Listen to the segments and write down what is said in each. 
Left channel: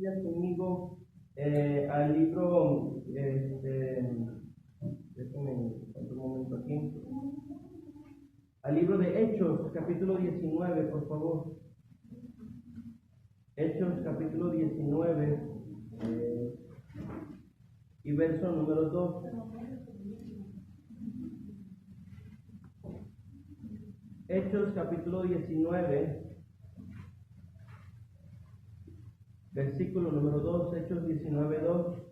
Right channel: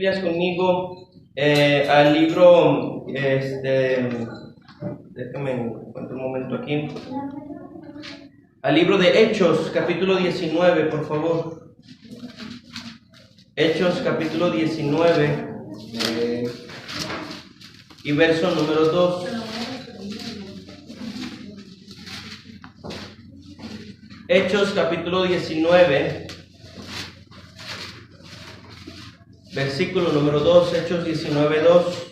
Biblias conmigo al libro, déjame encuentro un momento aquí, al libro de Hechos, capítulo 19, por favor. Hechos, capítulo 19, y verso número 2. Hechos, capítulo 19, versículo número 2, Hechos 19, 2.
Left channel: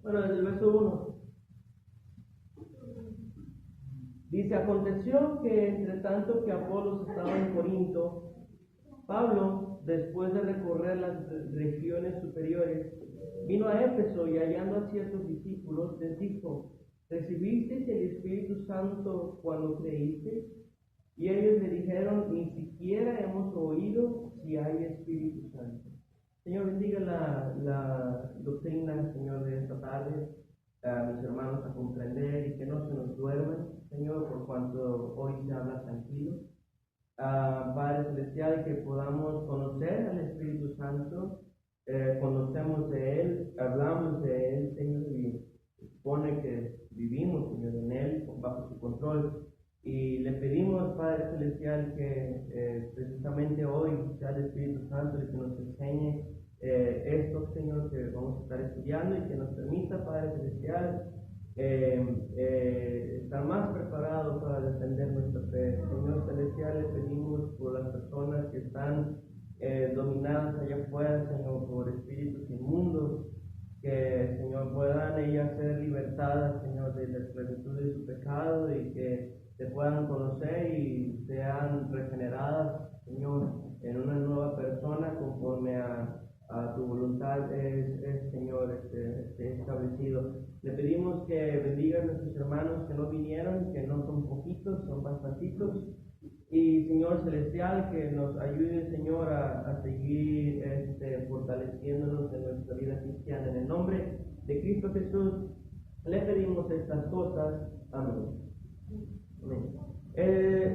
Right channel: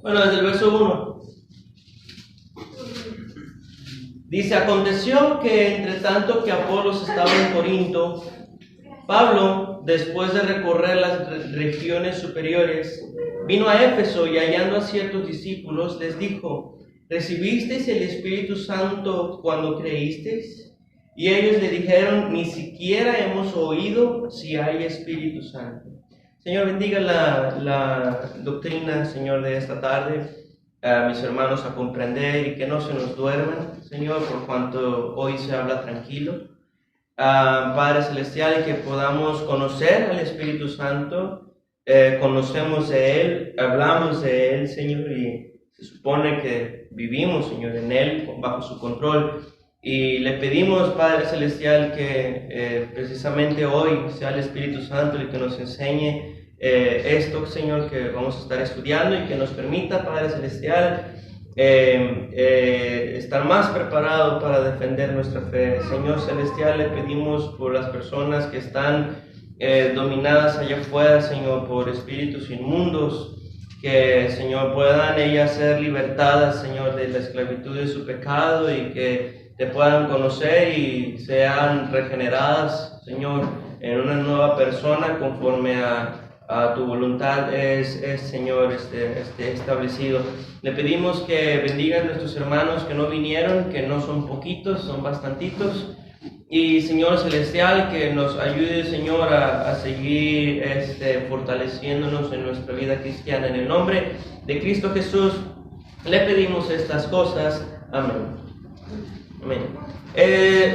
Bueno, desde el verso 1. Dice: aconteció que entre tanto que Apolos estaba en Corinto, Pablo, después de recorrer las regiones superiores, vino a Éfeso y hallando a ciertos discípulos, les dijo: ¿recibisteis el Espíritu Santo cuando creísteis? Y ellos le dijeron: ni siquiera hemos oído si hay Espíritu Santo. Señor, bendiga la doctrina, Señor, de esta tarde. A mis hermanos a comprender y que no se nos duerman, Señor, por cuanto hoy se habla tranquilo. Padre Celestial, y que podamos conocer al Espíritu Santo, conocemos de Él, hablamos de Él, Señor, y se supone que vivimos, Señor, en Él, bajo su control. Y le pedimos, Padre Celestial, que precisamente hoy sea el Espíritu Santo el que nos enseñe esto, Señor, que vamos a estar estudiando, y que nos permita, Padre Celestial, estar más preparado para defender nuestra fe. Señor Celestial, le pedimos por las personas que están dominadas allá afuera, Señor, por espíritus inmundos, que, Señor, puedan ellas ser libertadas, Señor, de la esclavitud de su pecado, y que te puedan conocer y sean regeneradas, Señor, en una nueva persona conforme a tu voluntad es Señor, establecido. Le pedimos que bendiga a nuestros hermanos que no vinieron, que no son poquitos, son bastantitos. Y Señor Celestial, que nos ayude, Señor, a seguir fortaleciéndonos en nuestra vida cristiana. En el nombre de Cristo Jesús le pedimos estas cosas. Amén. Amén.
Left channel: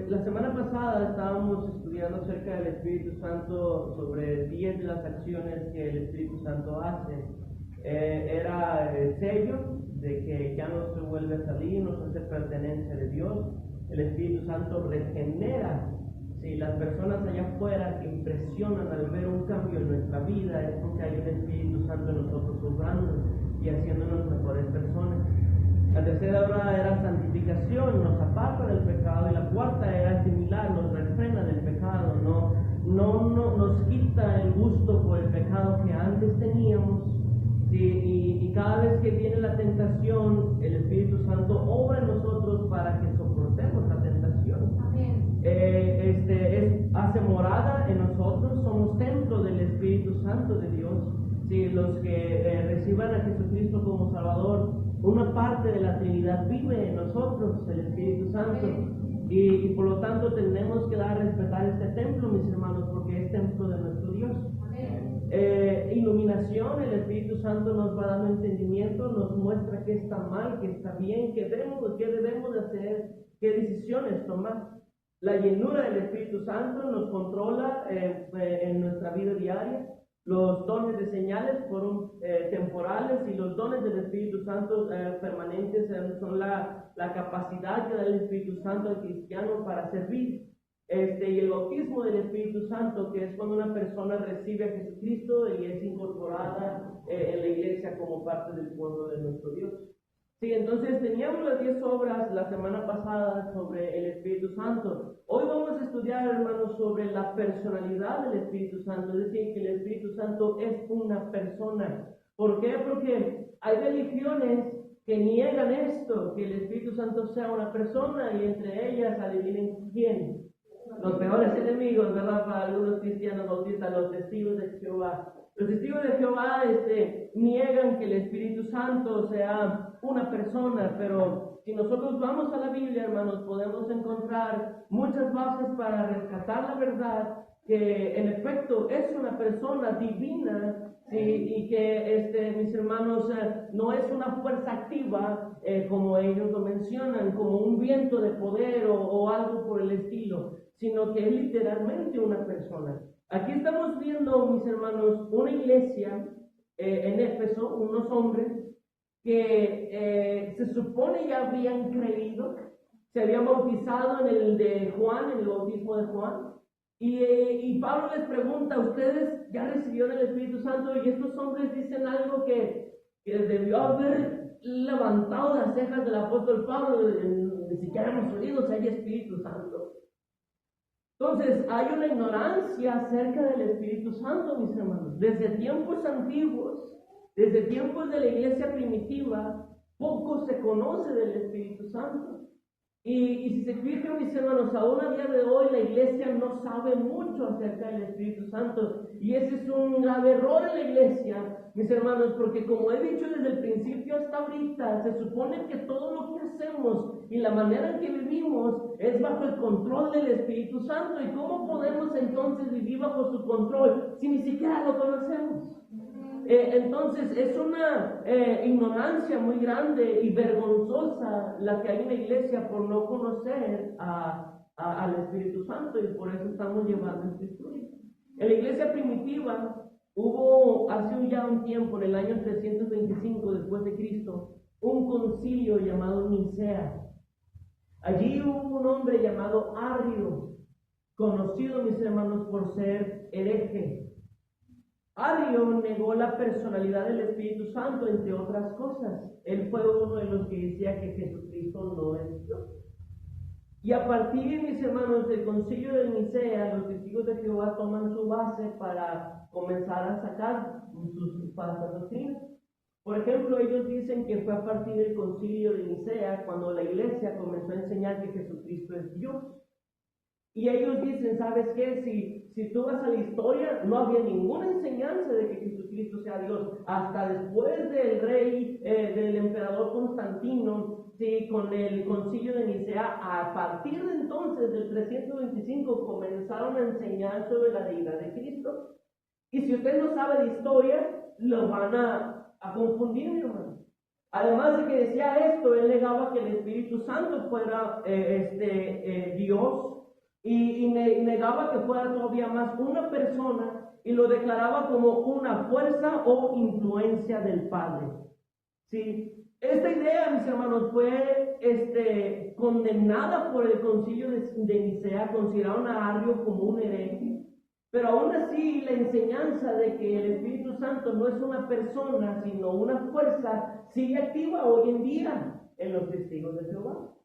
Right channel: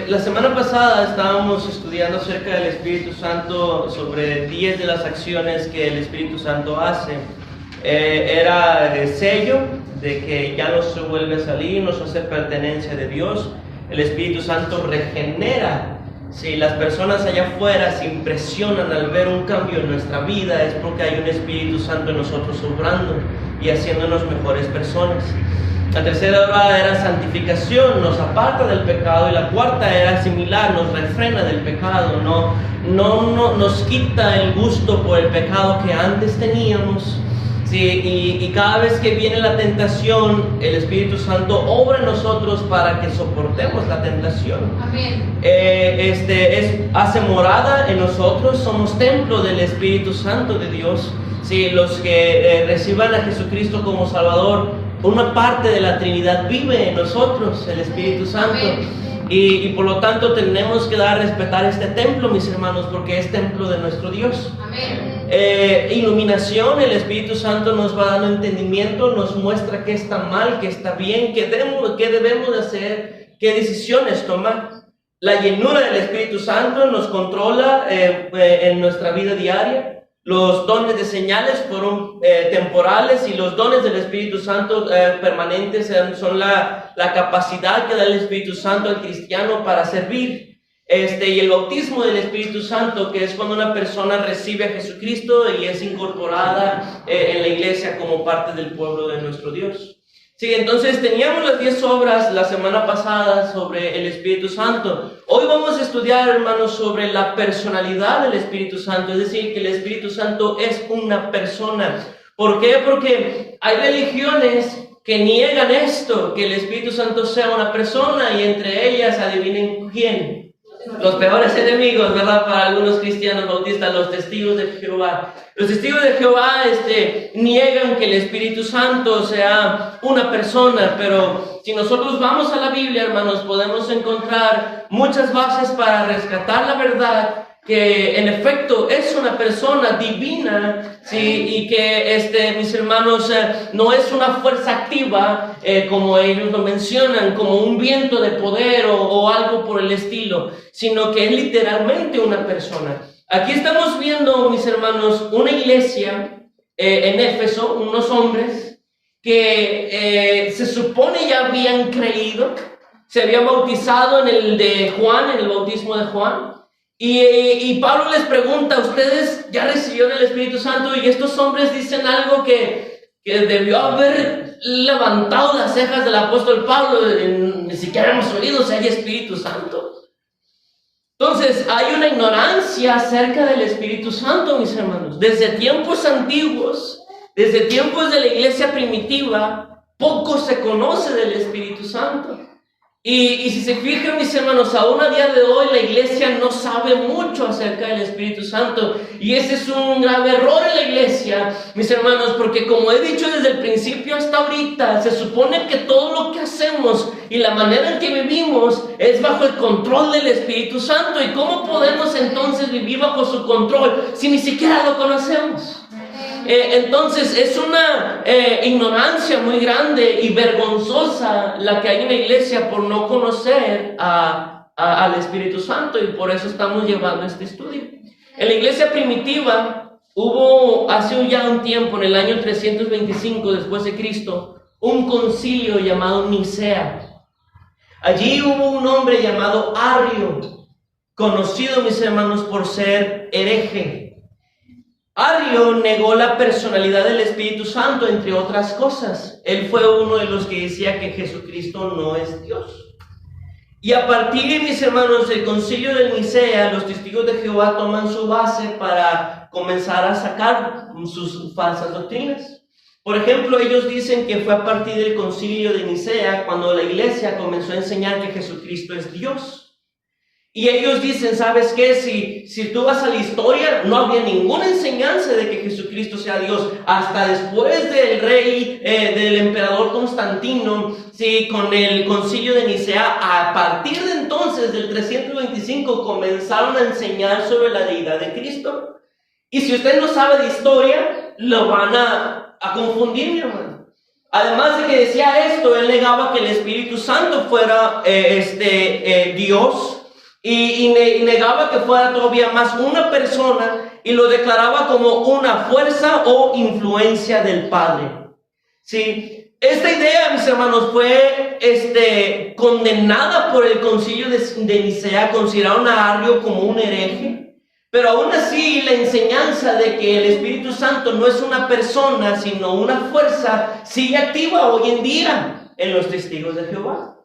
La semana pasada estábamos estudiando acerca del Espíritu Santo, sobre 10 de las acciones que el Espíritu Santo hace. Era el sello de que ya no se vuelve a salir, nos hace pertenencia de Dios. El Espíritu Santo regenera. Si las personas allá afuera se impresionan al ver un cambio en nuestra vida, es porque hay un Espíritu Santo en nosotros obrando y haciéndonos mejores personas. La tercera era santificación, nos aparta del pecado. Y la cuarta era similar, nos refrena del pecado, no nos quita el gusto por el pecado que antes teníamos. Sí, y cada vez que viene la tentación, el Espíritu Santo obra en nosotros para que soportemos la tentación. Amén. Hace morada en nosotros, somos templo del Espíritu Santo de Dios. Sí, los que reciban a Jesucristo como Salvador, una parte de la Trinidad vive en nosotros, el Espíritu Santo. Y por lo tanto tenemos que dar a respetar este templo, mis hermanos, porque es templo de nuestro Dios. Amén. Iluminación, el Espíritu Santo nos va dando entendimiento, nos muestra qué está mal, qué está bien, qué debemos de hacer, qué decisiones tomar. La llenura del Espíritu Santo nos controla en nuestra vida diaria. Los dones de señales fueron temporales, y los dones del Espíritu Santo permanentes son la capacidad que da el Espíritu Santo al cristiano para servir. Y el bautismo del Espíritu Santo, que es cuando una persona recibe a Jesucristo y es incorporada en la iglesia como parte del pueblo de nuestro Dios. Sí, entonces teníamos las 10 obras la semana pasada sobre el Espíritu Santo. Hoy vamos a estudiar, hermanos, sobre la personalidad del Espíritu Santo, es decir, que el Espíritu Santo es una persona. ¿Por qué? Porque hay religiones que niegan esto, que el Espíritu Santo sea una persona, y entre ellas, adivinen quién. Los peores enemigos, ¿verdad? Para algunos cristianos bautistas, los testigos de Jehová. Los testigos de Jehová niegan que el Espíritu Santo sea una persona, pero si nosotros vamos a la Biblia, hermanos, podemos encontrar muchas bases para rescatar la verdad, que en efecto es una persona divina, ¿sí? Y que, mis hermanos, no es una fuerza activa, como ellos lo mencionan, como un viento de poder o algo por el estilo, sino que es literalmente una persona. Aquí estamos viendo, mis hermanos, una iglesia en Éfeso, unos hombres que se supone ya habían creído, se habían bautizado en el de Juan, en el bautismo de Juan. Y Pablo les pregunta, ¿ustedes ya recibieron el Espíritu Santo? Y estos hombres dicen algo que debió haber levantado las cejas del apóstol Pablo. Ni siquiera hemos oído si hay Espíritu Santo. Entonces, hay una ignorancia acerca del Espíritu Santo, mis hermanos. Desde tiempos antiguos, desde tiempos de la iglesia primitiva, poco se conoce del Espíritu Santo. Y si se fijan, mis hermanos, aún a día de hoy la iglesia no sabe mucho acerca del Espíritu Santo. Y ese es un grave error en la iglesia, mis hermanos, porque como he dicho desde el principio hasta ahorita, se supone que todo lo que hacemos y la manera en que vivimos es bajo el control del Espíritu Santo. ¿Y cómo podemos entonces vivir bajo su control si ni siquiera lo conocemos? Entonces es una ignorancia muy grande y vergonzosa la que hay en la iglesia por no conocer al Espíritu Santo, y por eso estamos llevando este estudio. En la iglesia primitiva hubo hace ya un tiempo, en el año 325 después de Cristo, un concilio llamado Nicea. Allí hubo un hombre llamado Arrio, conocido, mis hermanos, por ser hereje. Arrio negó la personalidad del Espíritu Santo, entre otras cosas. Él fue uno de los que decía que Jesucristo no es Dios. Y a partir, mis hermanos, del concilio de Nicea, los testigos de Jehová toman su base para comenzar a sacar sus falsas doctrinas. Por ejemplo, ellos dicen que fue a partir del concilio de Nicea cuando la iglesia comenzó a enseñar que Jesucristo es Dios. Y ellos dicen, ¿sabes qué? Si tú vas a la historia, no había ninguna enseñanza de que Jesucristo sea Dios. Hasta después del rey, del emperador Constantino, sí, con el concilio de Nicea, a partir de entonces, del 325, comenzaron a enseñar sobre la deidad de Cristo. Y si usted no sabe de historia, lo van a confundir, mi hermano. Además de que decía esto, él negaba que el Espíritu Santo fuera Dios. Y negaba que fuera todavía más una persona, y lo declaraba como una fuerza o influencia del Padre. ¿Sí? Esta idea, mis hermanos, fue condenada por el concilio de Nicea. Consideraron a Arrio como un hereje. Pero aún así, la enseñanza de que el Espíritu Santo no es una persona, sino una fuerza, sigue activa hoy en día en los testigos de Jehová.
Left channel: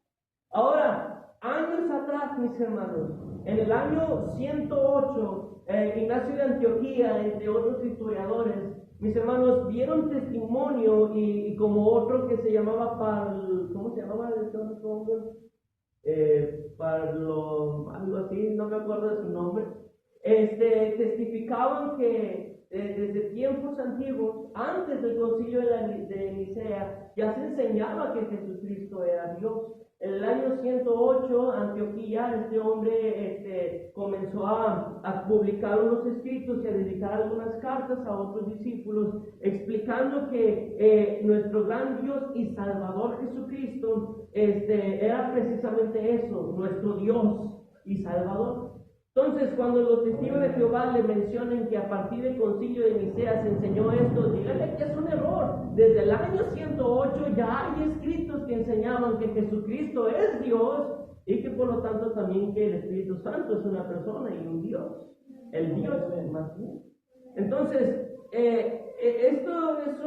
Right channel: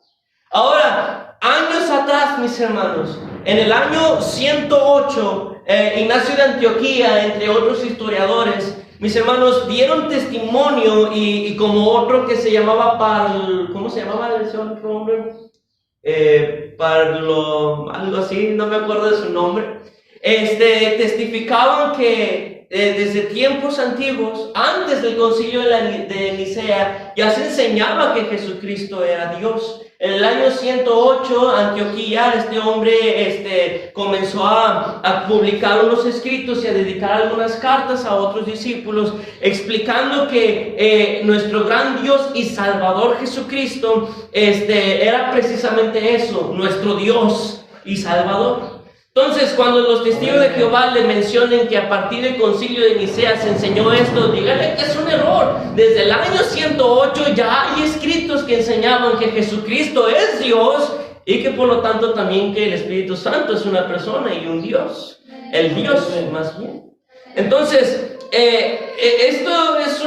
Ahora, años atrás, mis hermanos, en el año 108, Ignacio de Antioquía, entre otros historiadores, mis hermanos, dieron testimonio, y como otro que se llamaba ¿cómo se llamaba ese otro hombre? Algo así, no me acuerdo de su nombre. Testificaban que desde tiempos antiguos, antes del concilio de Nicea, ya se enseñaba que Jesucristo era Dios. En el año 108, Antioquía, este hombre comenzó a publicar unos escritos y a dedicar algunas cartas a otros discípulos, explicando que nuestro gran Dios y Salvador Jesucristo era precisamente eso, nuestro Dios y Salvador. Entonces, cuando los testigos de Jehová le mencionen que a partir del concilio de Nicea se enseñó esto, díganle que es un error. Desde el año 108 ya hay escritos que enseñaban que Jesucristo es Dios, y que por lo tanto también que el Espíritu Santo es una persona y un Dios. El Dios, más bien. Entonces, esto es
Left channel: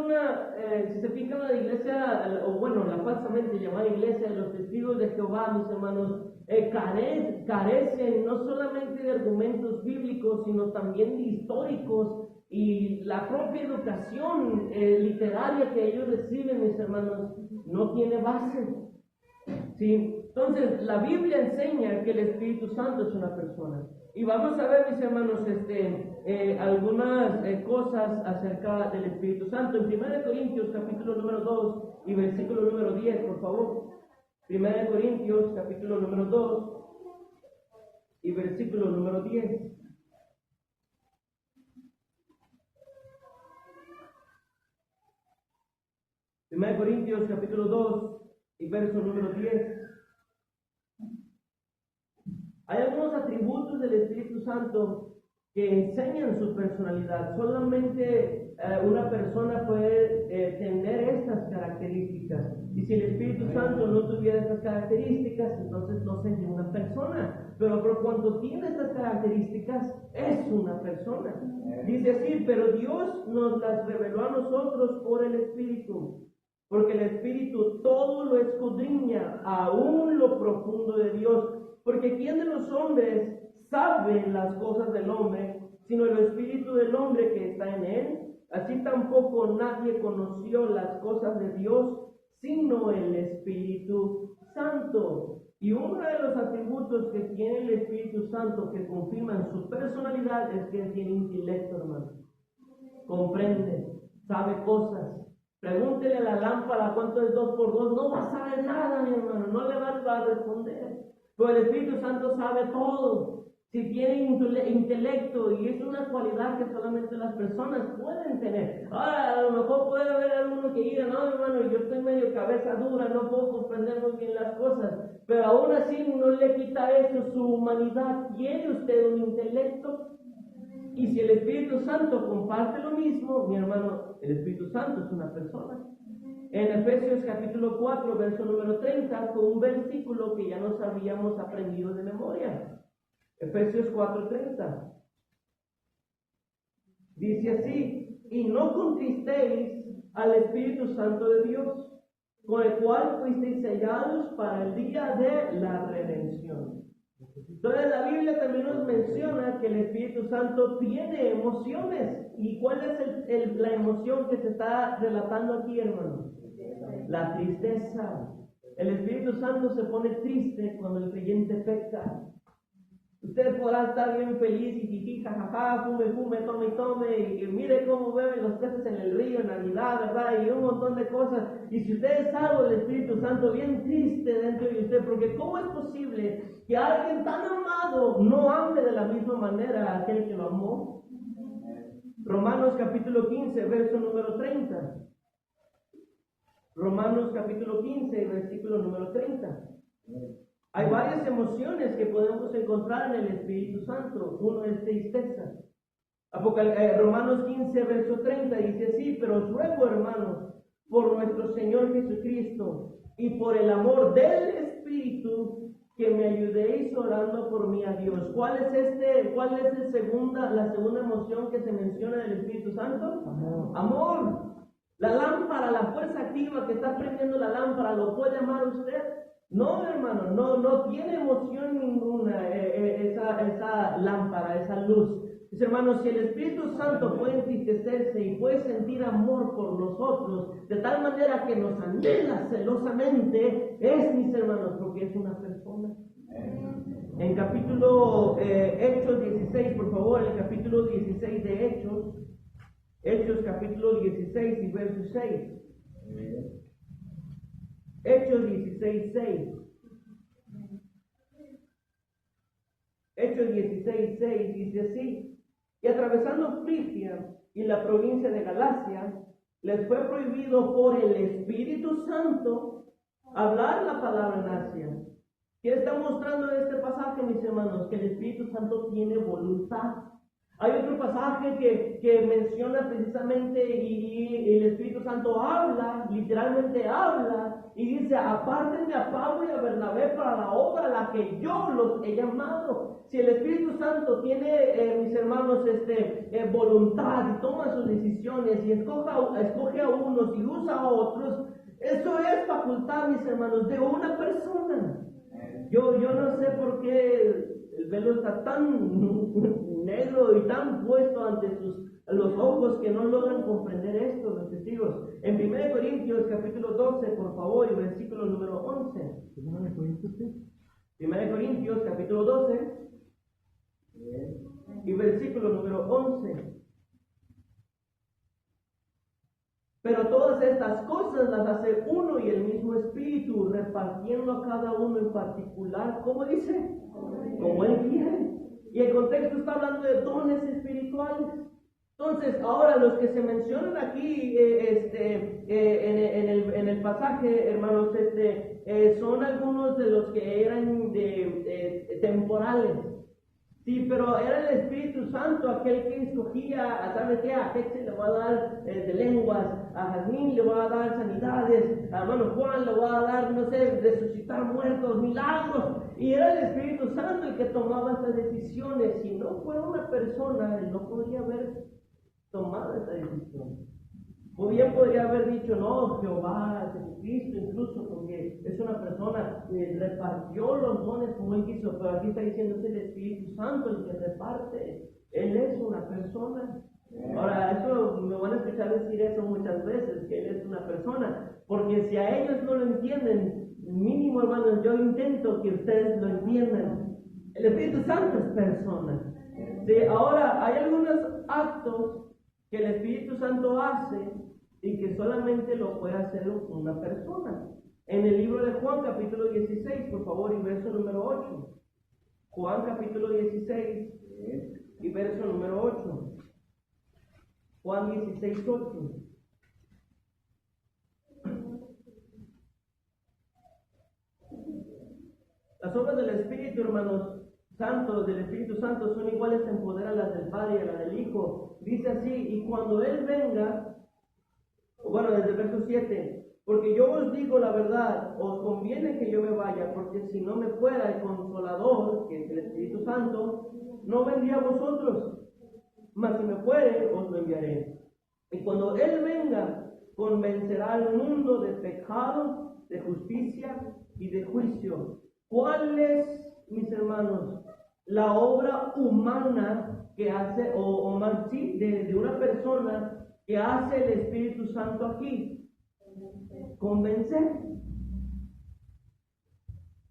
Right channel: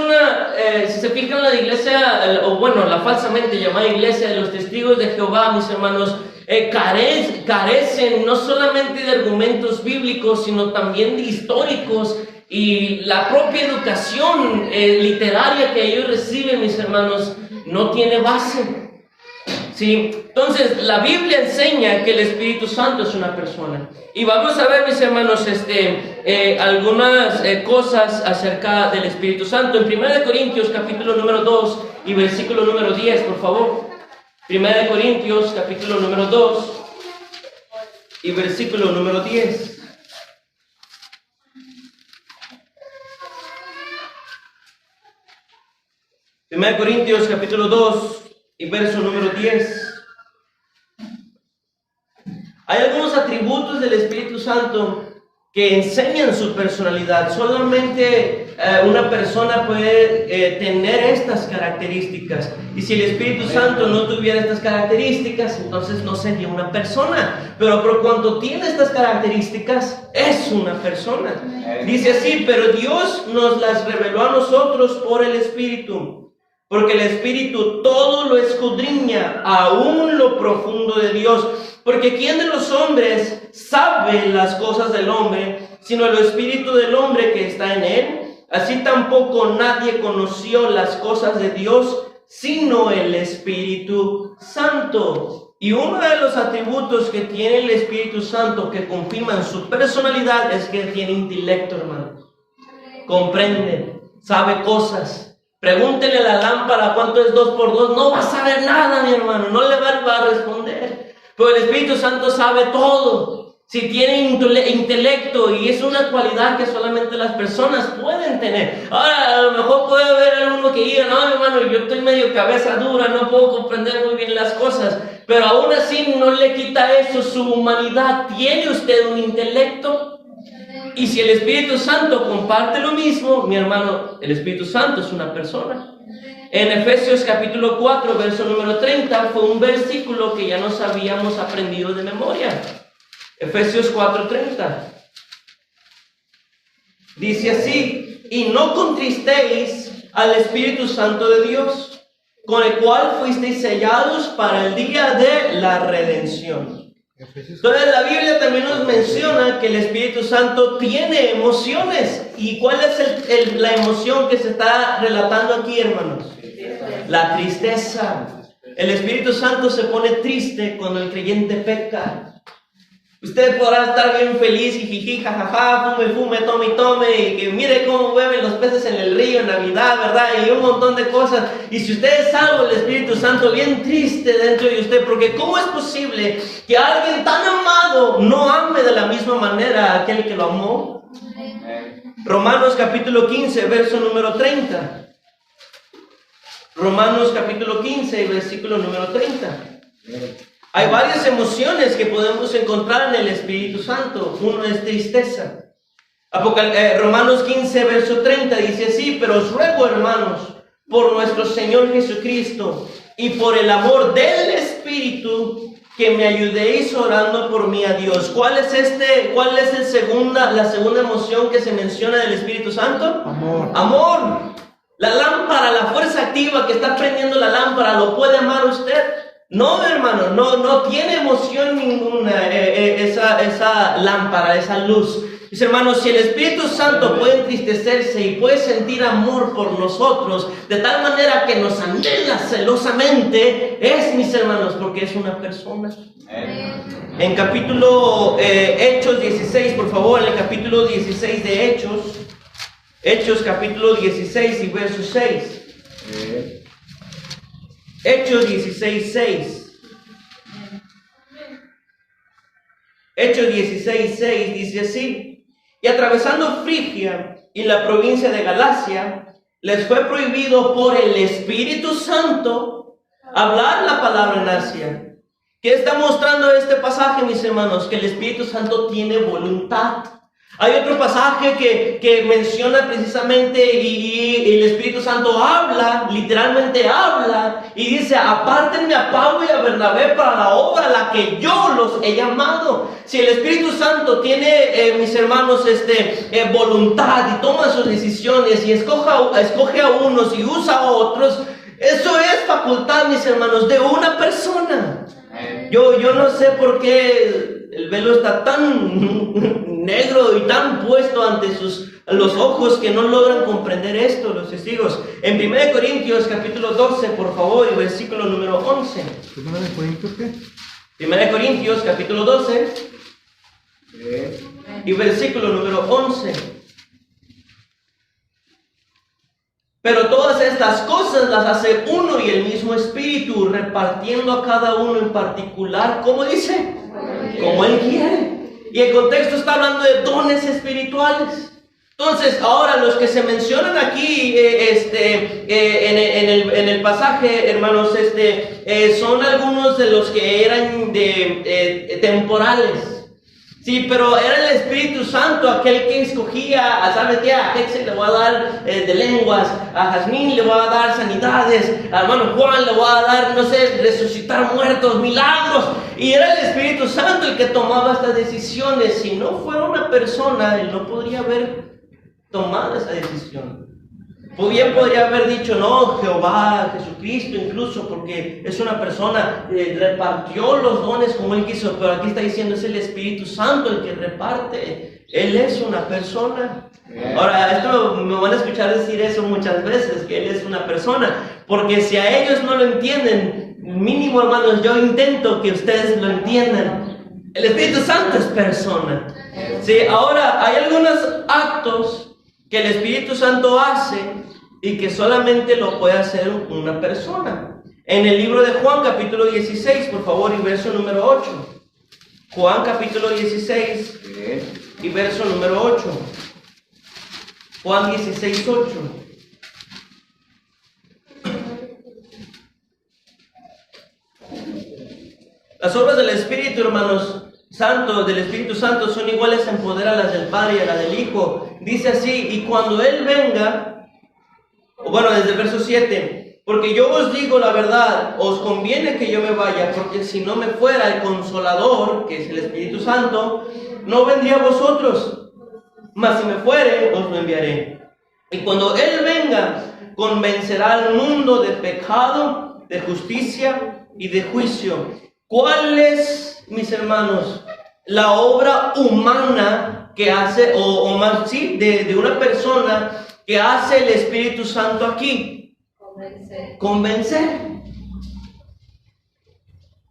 si se fijan, la iglesia, o bueno, la falsamente llamada iglesia de los testigos de Jehová, mis hermanos, carecen no solamente de argumentos bíblicos, sino también de históricos, y la propia educación literaria que ellos reciben, mis hermanos, no tiene base. ¿Sí? Entonces, la Biblia enseña que el Espíritu Santo es una persona. Y vamos a ver, mis hermanos, algunas cosas acerca del Espíritu Santo. En 1 Corintios, capítulo número 2 y versículo número 10, por favor. 1 Corintios, capítulo número 2 y versículo número 10. Primera de Corintios, capítulo 2 y verso número 10. Hay algunos atributos del Espíritu Santo que enseñan su personalidad. Solamente una persona puede tener estas características. Y si el Espíritu Santo no tuviera estas características, entonces no sería una persona. Pero por cuanto tiene estas características, es una persona. Dice así: pero Dios nos las reveló a nosotros por el Espíritu. Porque el Espíritu todo lo escudriña, aún lo profundo de Dios. Porque ¿quién de los hombres sabe las cosas del hombre, sino el Espíritu del hombre que está en él? Así tampoco nadie conoció las cosas de Dios, sino el Espíritu Santo. Y uno de los atributos que tiene el Espíritu Santo que confirman su personalidad es que tiene intelecto, hermanos. Comprende, sabe cosas. Pregúntele a la lámpara cuánto es 2 por 2. No va a saber nada, mi hermano. No le va a responder. Pero el Espíritu Santo sabe todo. Si tiene intelecto, y es una cualidad que solamente las personas pueden tener. Ahora, a lo mejor puede haber alguno que diga: no, mi hermano, yo estoy medio cabeza dura, no puedo comprender muy bien las cosas. Pero aún así no le quita eso su humanidad. ¿Tiene usted un intelecto? Y si el Espíritu Santo comparte lo mismo, mi hermano, el Espíritu Santo es una persona. En Efesios capítulo 4, verso número 30, fue un versículo que ya nos habíamos aprendido de memoria. Efesios 4:30. Dice así: y no contristéis al Espíritu Santo de Dios, con el cual fuisteis sellados para el día de la redención. Entonces la Biblia también nos menciona que el Espíritu Santo tiene emociones. ¿Y cuál es la emoción que se está relatando aquí, hermanos? La tristeza. El Espíritu Santo se pone triste cuando el creyente peca. Usted podrá estar bien feliz y jiji, jajaja, fume, tome, y que mire cómo beben los peces en el río en Navidad, ¿verdad? Y un montón de cosas. Y si usted es salvo, el Espíritu Santo bien triste dentro de usted, porque ¿cómo es posible que alguien tan amado no ame de la misma manera a aquel que lo amó? Romanos capítulo 15, verso número 30. Romanos capítulo 15, versículo número 30. Hay varias emociones que podemos encontrar en el Espíritu Santo. Uno es tristeza. Romanos 15, verso 30 dice así: pero os ruego, hermanos, por nuestro Señor Jesucristo y por el amor del Espíritu, que me ayudéis orando por mí a Dios. ¿Cuál es la segunda emoción que se menciona del Espíritu Santo? Amor. La lámpara, la fuerza activa que está prendiendo la lámpara, ¿lo puede amar usted? No, hermano, no tiene emoción ninguna esa lámpara, esa luz. Mis hermanos, si el Espíritu Santo puede entristecerse y puede sentir amor por nosotros de tal manera que nos anhela celosamente, es, mis hermanos, porque es una persona. En capítulo Hechos 16, por favor, en el capítulo 16 de Hechos capítulo 16 y verso 6. Hechos 16, 6. Hechos 16, 6 dice así: y atravesando Frigia y la provincia de Galacia, les fue prohibido por el Espíritu Santo hablar la palabra en Asia. ¿Qué está mostrando este pasaje, mis hermanos? Que el Espíritu Santo tiene voluntad. Hay otro pasaje que menciona precisamente y el Espíritu Santo habla, literalmente habla, y dice: apártenme a Pablo y a Bernabé para la obra a la que yo los he llamado. Si el Espíritu Santo tiene, mis hermanos, voluntad y toma sus decisiones y escoge a unos y usa a otros, eso es facultad, mis hermanos, de una persona. Yo no sé por qué el velo está tan negro y tan puesto ante los ojos que no logran comprender esto, los testigos. En 1 Corintios capítulo 12, por favor, y versículo número 11. ¿1 Corintios qué? 1 Corintios capítulo 12 y versículo número 11. Pero todas estas cosas las hace uno y el mismo Espíritu, repartiendo a cada uno en particular, ¿cómo dice? Como Él quiere. Y el contexto está hablando de dones espirituales. Entonces, ahora los que se mencionan aquí en el pasaje, hermanos, son algunos de los que eran temporales. Sí, pero era el Espíritu Santo aquel que escogía, ¿sabes qué? A Hexel le voy a dar de lenguas, a Jazmín le voy a dar sanidades, a hermano Juan le voy a dar, no sé, resucitar muertos, milagros. Y era el Espíritu Santo el que tomaba estas decisiones. Si no fuera una persona, él no podría haber tomado esa decisión. Bien podría haber dicho, no, Jehová, Jesucristo incluso, porque es una persona, repartió los dones como Él quiso, pero aquí está diciendo, es el Espíritu Santo el que reparte, Él es una persona. Ahora, esto me van a escuchar decir eso muchas veces, que Él es una persona, porque si a ellos no lo entienden, mínimo hermanos, yo intento que ustedes lo entiendan. El Espíritu Santo es persona. Sí, ahora, hay algunos actos que el Espíritu Santo hace y que solamente lo puede hacer una persona. En el libro de Juan capítulo 16, por favor, y verso número 8. Juan capítulo 16 y verso número 8. Juan 16, 8. Las obras del Espíritu, hermanos, del Espíritu Santo son iguales en poder a las del Padre y a las del Hijo. Dice así, y cuando Él venga, bueno, desde el verso 7, porque yo os digo la verdad, os conviene que yo me vaya, porque si no me fuera el Consolador, que es el Espíritu Santo, no vendría a vosotros, mas si me fuere, os lo enviaré. Y cuando Él venga, convencerá al mundo de pecado, de justicia y de juicio. ¿Cuál es, mis hermanos, la obra humana que hace, o más, sí, de una persona que hace el Espíritu Santo aquí? Convencer.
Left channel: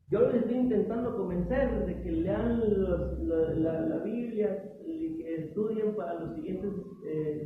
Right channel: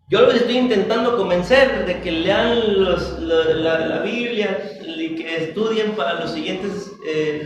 Yo los estoy intentando convencer de que lean la Biblia y que estudien para los siguientes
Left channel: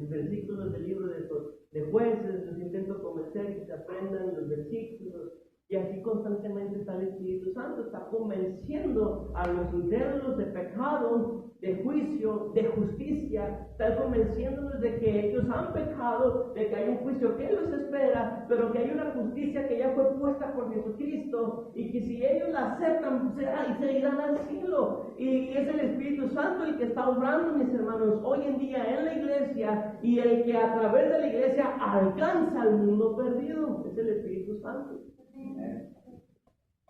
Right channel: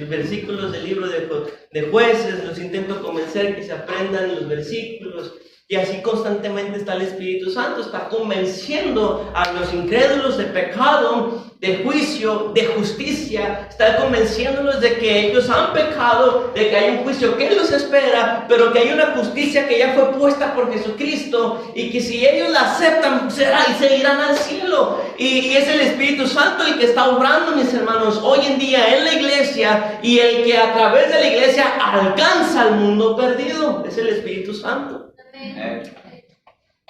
versículos del libro de Jueces. Los intento convencer que se aprendan los versículos. Y así constantemente está el Espíritu Santo, está convenciendo a los incrédulos de pecado, de juicio, de justicia, está convenciéndolos de que ellos han pecado, de que hay un juicio que los espera, pero que hay una justicia que ya fue puesta por Jesucristo y que si ellos la aceptan, será y se irán al cielo. Y es el Espíritu Santo el que está obrando, mis hermanos, hoy en día en la iglesia, y el que a través de la iglesia alcanza al mundo perdido, es el Espíritu Santo.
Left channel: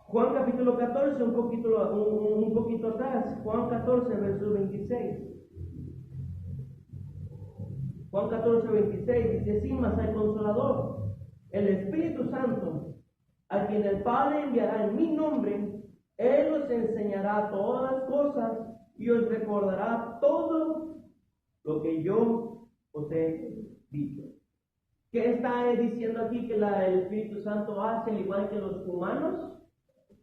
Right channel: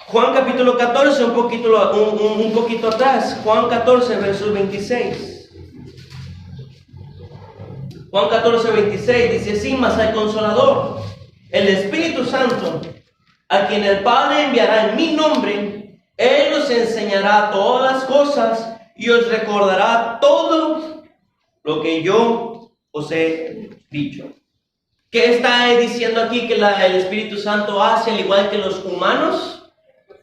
Juan capítulo 14, un poquito atrás. Juan 14, versos 26. Juan 14, 26 dice así: mas al Consolador, el Espíritu Santo, a quien el Padre enviará en mi nombre, Él os enseñará todas las cosas y os recordará todo lo que yo os he dicho. ¿Qué está diciendo aquí que el Espíritu Santo hace al igual que los humanos?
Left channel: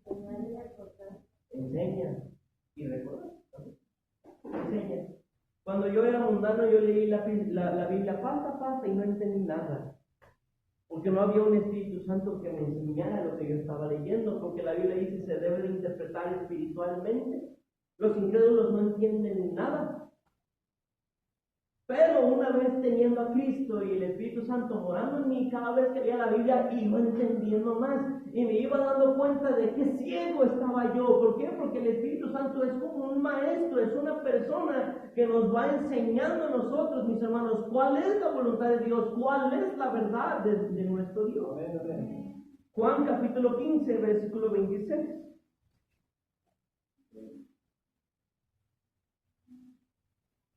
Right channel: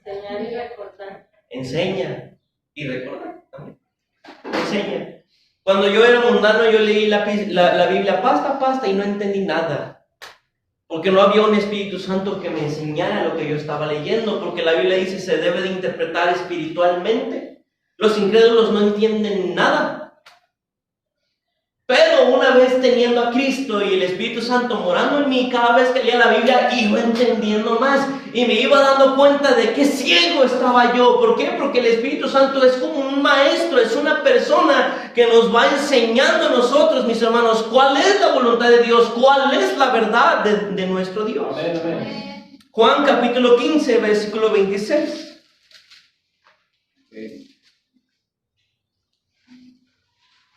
Enseñar y recordar. Enseña y recordar también. Enseña. Cuando yo era mundano, yo leí la Biblia pasta a pasta y no entendí nada. Porque no había un Espíritu Santo que me enseñara lo que yo estaba leyendo. Porque la Biblia dice se debe de interpretar espiritualmente. Los incrédulos no entienden nada. Pero una vez teniendo a Cristo y el Espíritu Santo morando en mí, cada vez que leía la Biblia iba entendiendo más y me iba dando cuenta de qué ciego estaba yo. ¿Por qué? Porque el Espíritu Santo es como un maestro, es una persona que nos va enseñando a nosotros, mis hermanos, cuál es la voluntad de Dios, cuál es la verdad de nuestro Dios. Amén, amén. Juan capítulo 15, versículo 26.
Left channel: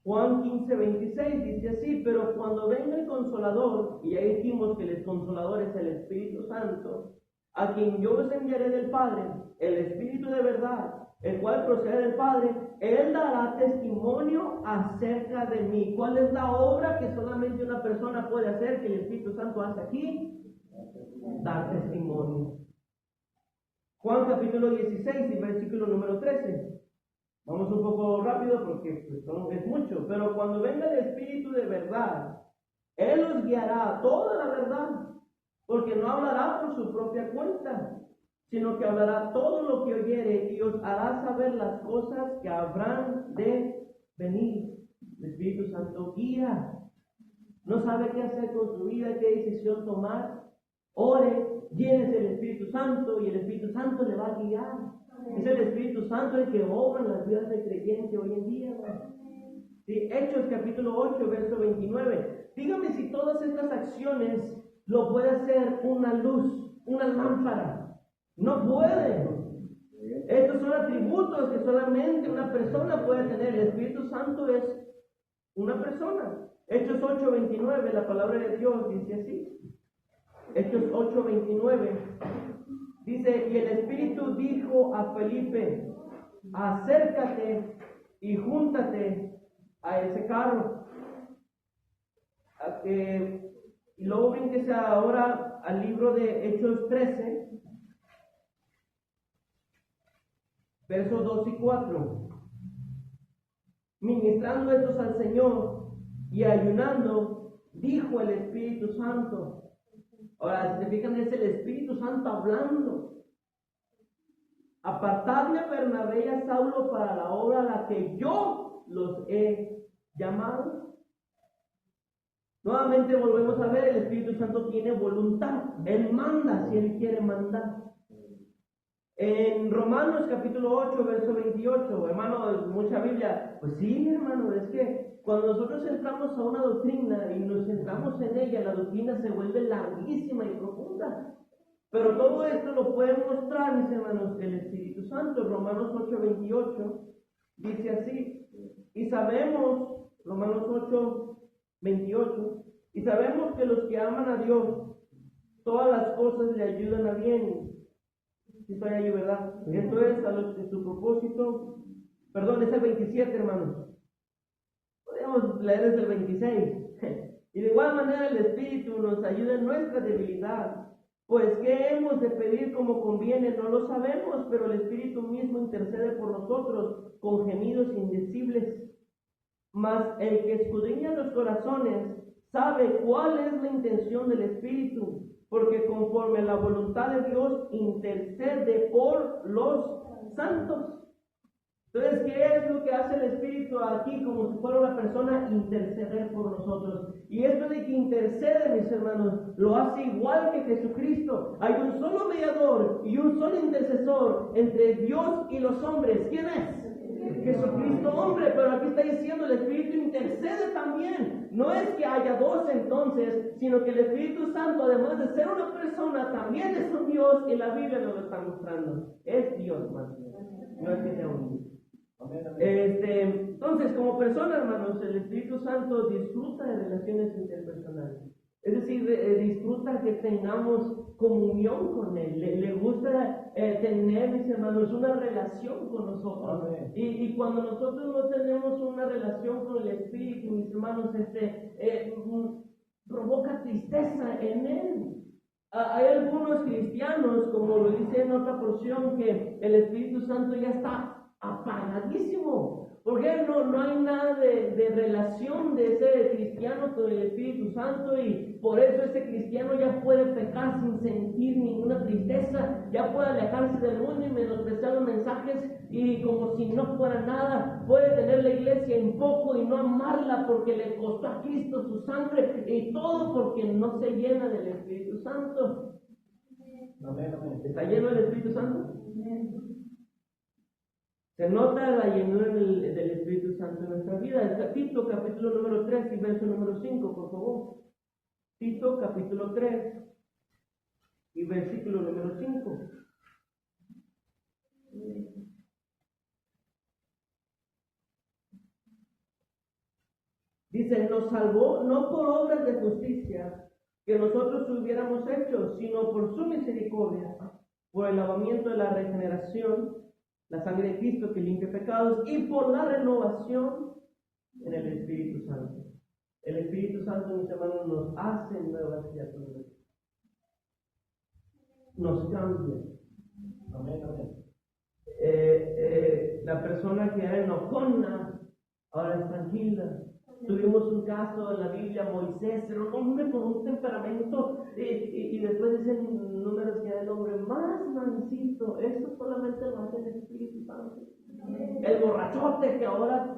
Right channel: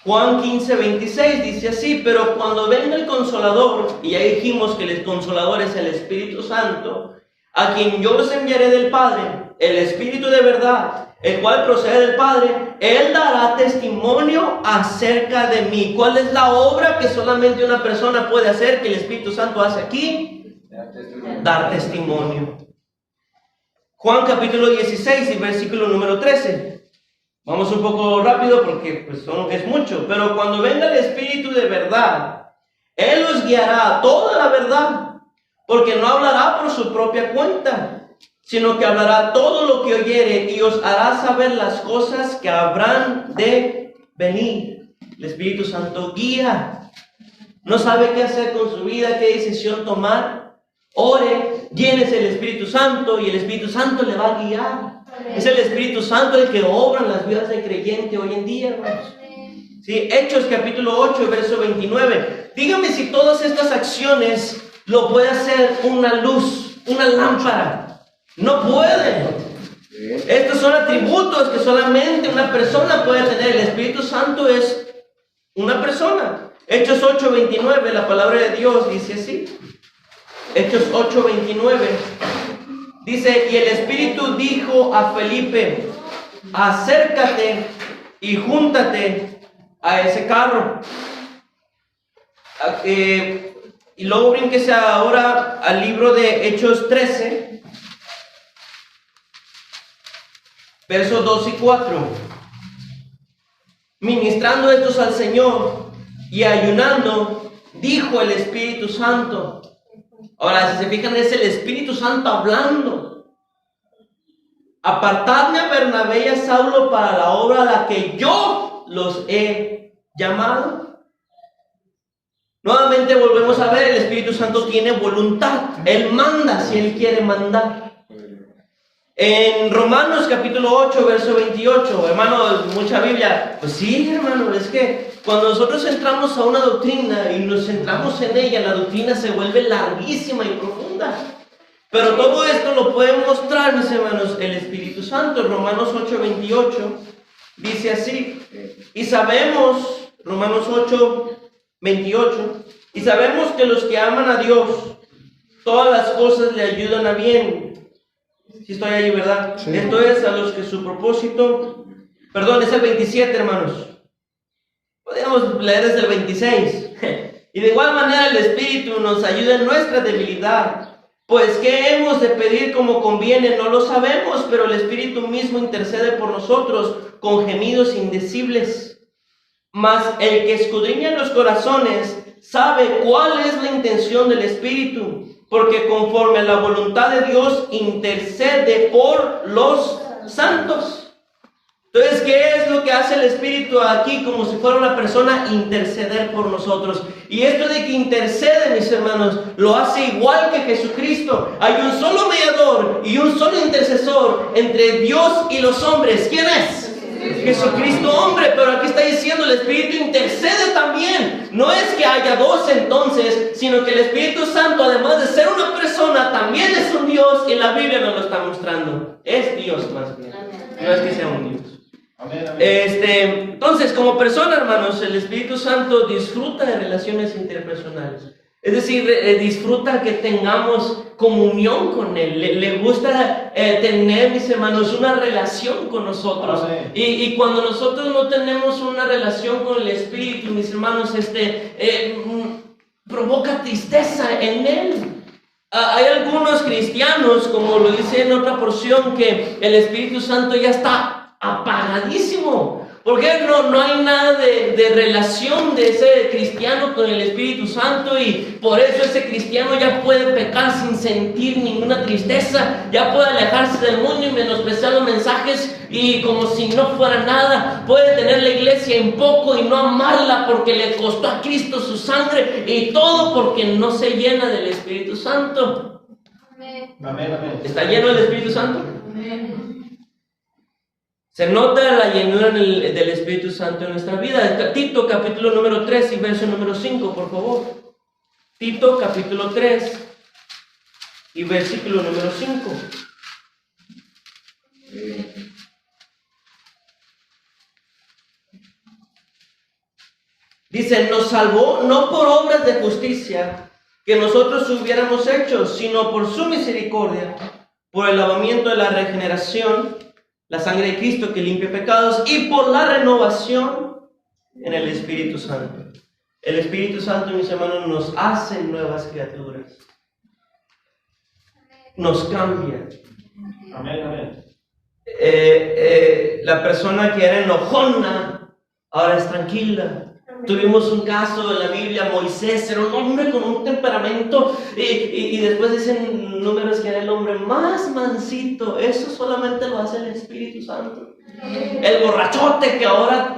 Juan 15, 26 dice así: pero cuando venga el Consolador, y ya dijimos que el Consolador es el Espíritu Santo, a quien yo os enviaré del Padre, el Espíritu de verdad, el cual procede del Padre, Él dará testimonio acerca de mí. ¿Cuál es la obra que solamente una persona puede hacer, que el Espíritu Santo hace aquí? Dar testimonio. Juan capítulo 16 y versículo número 13. Vamos un poco rápido porque pues, es mucho. Pero cuando venga el Espíritu de verdad, Él os guiará a toda la verdad, porque no hablará por su propia cuenta, sino que hablará todo lo que oyere y os hará saber las cosas que habrán de venir. El Espíritu Santo guía. No sabe qué hacer con su vida, qué decisión tomar. Ore, llénese el Espíritu Santo y el Espíritu Santo le va a guiar. Es el Espíritu Santo el que obra en las vidas del creyente hoy en día, hermanos. Sí, Hechos capítulo 8, verso 29. Dígame si todas estas acciones lo puede hacer una luz, una lámpara. No puede. Estos son atributos que solamente una persona puede tener. El Espíritu Santo es una persona. Hechos 8, 29, la palabra de Dios dice así. Hechos 8, 29. Dice, y el Espíritu dijo a Felipe, acércate y júntate a ese carro. Y luego brínquese ahora al libro de Hechos 13, versos 2 y 4. Ministrando estos al Señor y ayunando, dijo el Espíritu Santo. Ahora, si se fijan, es el Espíritu Santo hablando. Apartadme a Bernabé y a Saulo para la obra a la que yo los he llamado. Nuevamente volvemos a ver, el Espíritu Santo tiene voluntad. Él manda si Él quiere mandar. En Romanos capítulo 8, verso 28, hermano, mucha Biblia. Pues sí, hermano, es que cuando nosotros entramos a una doctrina y nos centramos en ella, la doctrina se vuelve larguísima y profunda. Pero todo esto lo puede mostrar, mis hermanos, el Espíritu Santo. En Romanos 8, 28 dice así. Y sabemos, Romanos 8, 28, y sabemos que los que aman a Dios, todas las cosas le ayudan a bien. Si estoy ahí, ¿verdad? Sí. Esto es a los que su propósito, perdón, es el 27, hermanos. Podríamos leer desde el 26. Y de igual manera el Espíritu nos ayuda en nuestra debilidad. Pues ¿qué hemos de pedir como conviene? No lo sabemos, pero el Espíritu mismo intercede por nosotros con gemidos indecibles. Mas el que escudriña los corazones sabe cuál es la intención del Espíritu, porque conforme a la voluntad de Dios intercede por los santos. Entonces, ¿qué es lo que hace el Espíritu aquí? Como si fuera una persona, interceder por nosotros. Y esto de que intercede, mis hermanos, lo hace igual que Jesucristo. Hay un solo mediador y un solo intercesor entre Dios y los hombres. ¿Quién es? Jesucristo hombre, pero aquí está diciendo el Espíritu intercede también. No es que haya dos entonces, sino que el Espíritu Santo, además de ser una persona, también es un Dios, y la Biblia nos lo está mostrando. Es Dios más bien, no es que sea un Dios. Amén, amén. Entonces, como persona, hermanos, el Espíritu Santo disfruta de relaciones interpersonales. Es decir, disfruta que tengamos comunión con Él. Le gusta tener, mis hermanos, una relación con nosotros. Y cuando nosotros no tenemos una relación con el Espíritu, mis hermanos, provoca tristeza en Él. Hay algunos cristianos, como lo dice en otra porción, que el Espíritu Santo ya está apagadísimo. Porque no hay nada de relación de ese cristiano con el Espíritu Santo, y por eso ese cristiano ya puede pecar sin sentir ninguna tristeza, ya puede alejarse del mundo y menospreciar los mensajes y como si no fuera nada, puede tener la iglesia en poco y no amarla porque le costó a Cristo su sangre, y todo porque no se llena del Espíritu Santo. Amén. Amén. ¿Está lleno del Espíritu Santo? Amén. Se nota la llenura del Espíritu Santo en nuestra vida. Tito capítulo número 3 y verso número 5, por favor. Tito capítulo 3 y versículo número 5. Dice, nos salvó no por obras de justicia que nosotros hubiéramos hecho, sino por su misericordia, por el lavamiento de la regeneración, la sangre de Cristo que limpia pecados, y por la renovación en el Espíritu Santo. El Espíritu Santo, mis hermanos, nos hace nuevas criaturas. Nos cambia. Amén, amén. La persona que era enojona ahora es tranquila. Tuvimos un caso en la Biblia, Moisés era un hombre con un temperamento y después dicen números que era el hombre más mansito. Eso solamente lo hace el Espíritu Santo. El borrachote que ahora